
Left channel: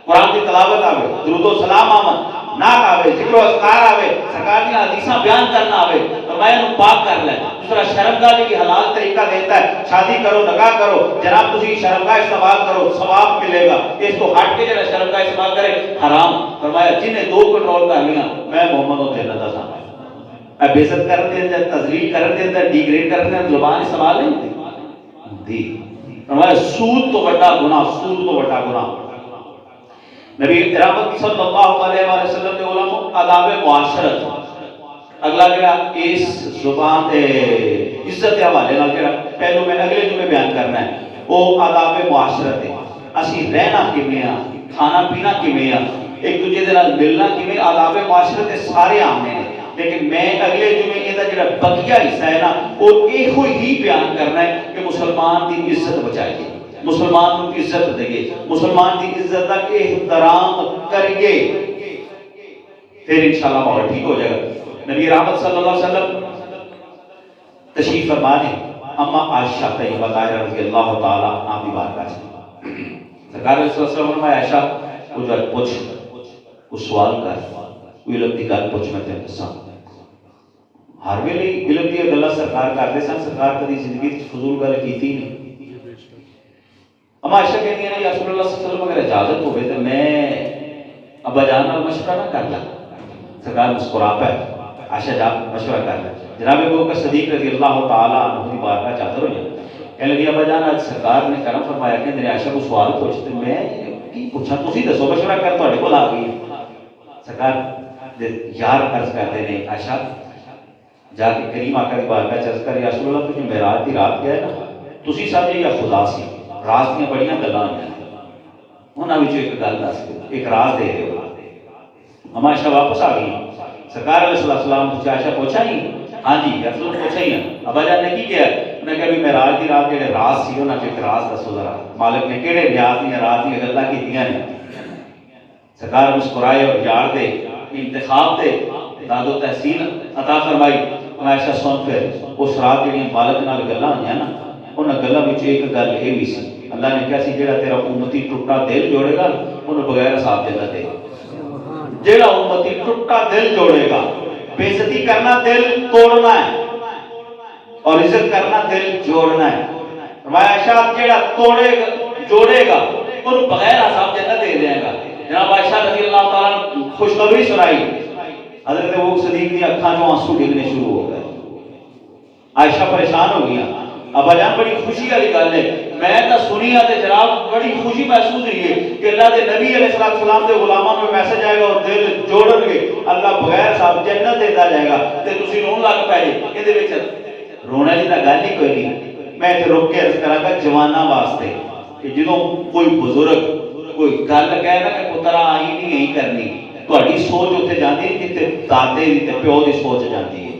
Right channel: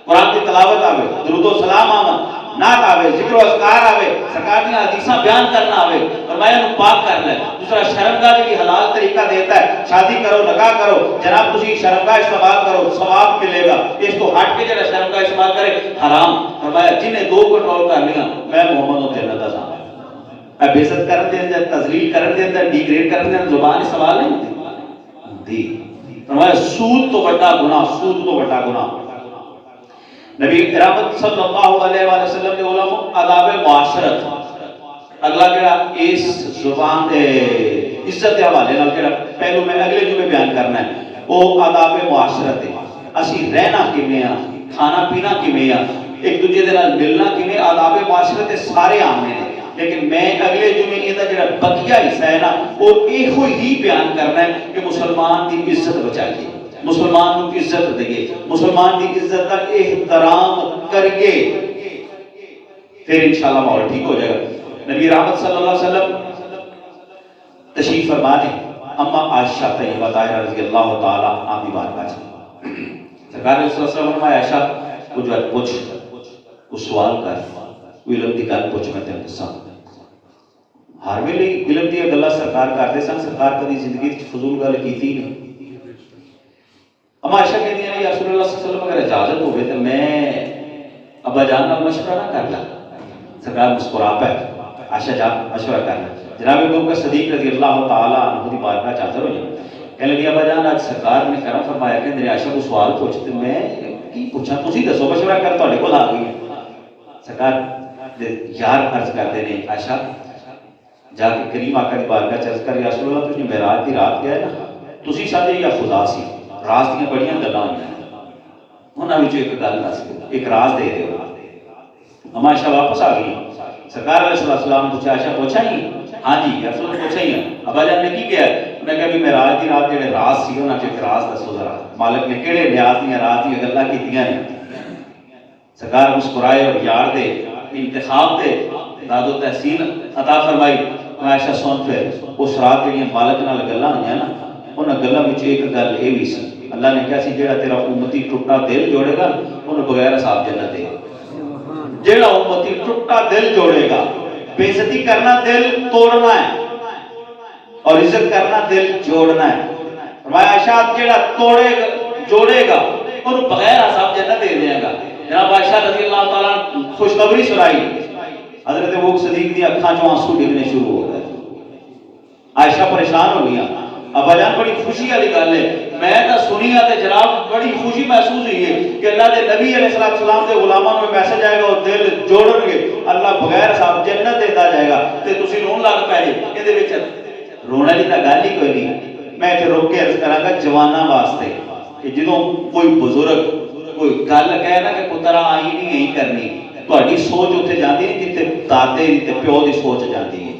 قرآن کی تلاوت آوے، درود و سلام آوے، نعت آوے، ذکر و اذکار آوے، سرکار کی حدیثاں بیان کرنا آوے، فرمایا انہوں پاک کر لے۔ دوسرا شرمگاہ کی حلال طریقہ دیتا ہے، شادی کرو، نکاح کرو، جناب تسی شرمگاہ استعمال کرو، ثواب ملے گا، اس کو ہٹ کے جناب شرمگاہ استعمال کرے حرام۔ فرمایا جنہیں دو کنٹرول کر لیا میں محمد و جنت دا زامن، میں بےعزت کر دیں جا تذلیل کر دیں جا ڈیگریڈ کر دیں زبان استعمال نہیں دی۔ فرمایا سود تو بڑا گناہ، سود تو بڑا گناہ۔ نبی رحمت صلی اللہ علیہ وسلم کے علماء آداب معاشرت، اگلا کہا اس زبان عزت کے حوالے نال کہا پہلو میں اگلے جملے بیان کرنا ہے، وہ آداب معاشرت ہے، اسی رہنا کیویں ہاں، کھانا پینا کیویں ہاں، ایک دوسرے دے نال ملنا کیویں، آداب معاشرت کے سارے آمنے ہیں، لیکن میں اگلے جملے یہ جڑا بقیہ حصہ ہے نا وہ ایک ہی بیان کرنا ہے کہ مسلمان کی عزت بچائیے، مسلمان کی عزت دئیے، مسلمان کی عزت کا احترام کریے، پھر انشاءاللہ ماحول ٹھیک ہو جائے گا۔ نبی رحمت صلی اللہ علیہ وسلم تشریف فرما نے اما عائشہ طیبہ طاہرہ رضی اللہ تعالیٰ عنہا کی بارگاہ سے سرکار صلی اللہ علیہ وسلم نے عائشہ کو جو ہے پوچھ وہ سوال کر وہ علم دی گل پوچھ میں تینوں دساں، ہر ویلے علم دی گلاں سرکار کردے سن، سرکار کدی زندگی وچ فضول گل کیتی نہیں۔ اما عائشہ کہتی ہیں یا رسول اللہ صلی اللہ علیہ وسلم اگر اجازت ہوئے تو میں ابا جان نال مشورہ نہ کر لیں؟ سرکار مسکرا پہ عائشہ جا مشورہ کر لیں، جناب ابوبکر صدیق رضی اللہ تعالیٰ عنہ کی بارگاہ میں حاضر ہو جائیں، کہنے لگے ابا جان آج سرکار نے کرم فرمایا کہ میرے عائشہ کو سوال پوچھتے میں کی پوچھا تسی دسو مشورہ کر تواڈے کول آ گئی ہے۔ سرکار یار عرض کرتے ہیں عائشہ جا کے کریم آقا کی بارگاہ چرچ کر یا رسول اللہ تجھے معراج دی رات گیا ہے نا تسی سمجھے یا خدا سی، راز دیاں بڑیاں گلاں ہوئیں انہاں وچوں ایک گل دس ایک راز دے دیو۔ اما عائشہ واپس آ گئی، سرکار علیہ السلام پوچھا عائشہ پوچھا نہیں؟ ہاں جی یا رسول اللہ پوچھا ہی ہے۔ ابا جان نے کی کیا؟ انہوں نے کہا بھی معراج دی رات جڑے راز سی انہاں چوں ایک راز دسو ذرا، مالک نے کیڑے نیاز دیاں رات دیاں گلاں کیتیاں نے؟ سرکار مسکرائے اور یار دے انتخاب دے داد و تحسین عطا فرمائی۔ عائشہ سن پھر اس رات جڑیاں مالک نال گلاں ہوئیاں نا انہاں گلاں وچ ایک گل اے وی سی، اللہ نے کہا سی جڑا تیرا امتی ٹوٹا دل جوڑے گا انہوں بغیر حساب جنت دے گا، جڑا امتی ٹوٹا دل جوڑے گا، بے عزتی کرنا دل توڑنا ہے اور عزت کرنا دل جوڑنا ہے۔ فرمایا عائشہ جڑا توڑے گا جوڑے گا انہوں بغیر حساب جنت دے دے گا۔ جناب عائشہ رضی اللہ تعالیٰ خوشخبری سنائی، حضرت ابوبکر صدیق کی آنکھوں میں آنسو ڈگنے شروع ہو گئے، عائشہ پریشان ہو گیا۔ ابا جان بڑی خوشی والی گل ہے، میں تو سنی تے جناب بڑی خوشی محسوس ہوئی ہے کہ اللہ دے نبی علیہ السلام دے غلاماں کو میسج آئے گا اور دل جوڑن گے، اللہ بغیر صاحب جنت دیتا جائے گا تے تسی رون لگ پے جے، دے وچ رونا دی تا گل ہی کوئی نہیں۔ میں تے روک کے عرض کراں گا جواناں واسطے کہ جدوں کوئی بزرگ کوئی گل کہے نا کہ پتر آئی نہیں کرنی، تہاڈی سوچ اتنے جاندی نہیں جتنے دادے تے پیو دی سوچ جاندی ہے۔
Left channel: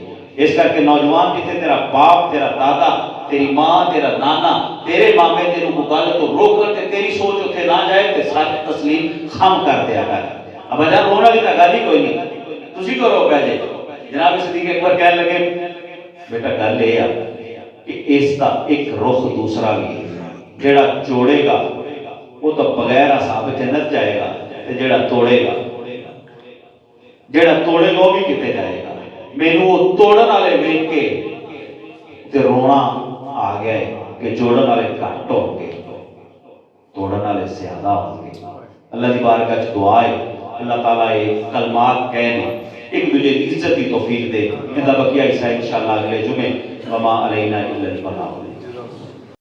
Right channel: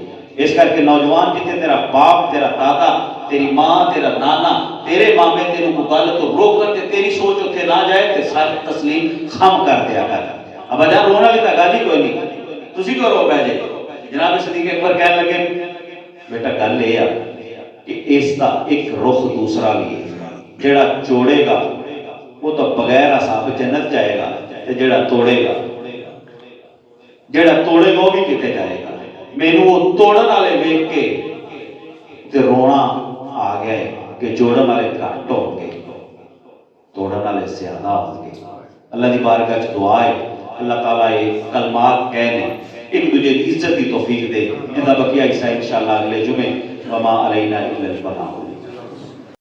اس کر کے نوجوان جتنے تیرا باپ تیرا دادا تیری ماں تیرا نانا تیرے مامے تیرے کو گل تو روک کر تے تیری سوچ اتنے نہ جائے تے ساری تسلیم خام کر دیا کر۔ اب جان رونا بھی تا گل ہی کوئی نہیں، تسی کرو پہ جائے۔ جناب صدیق اکبر کہنے لگے بیٹا گل یہ ہے کہ اس کا ایک رخ دوسرا بھی ہے، جڑا جوڑے گا وہ تو بغیر حساب جنت جائے گا تے جڑا توڑے گا وہ بھی کتے جائے گا۔ مینوں وہ توڑن والے ویکھ کے تے رونا آ گیا ہے کہ جوڑن والے گھٹ ہوں گے توڑن والے زیادہ ہوں گے۔ اللہ دی بارگاہ وچ دعا ہے اللہ تعالیٰ یہ کلمات کہنے ایک دوجے کی عزت کی توفیق دے۔ ان کا بقیہ حصہ انشاءاللہ اگلے جمعے وما علینا الا البلاغ۔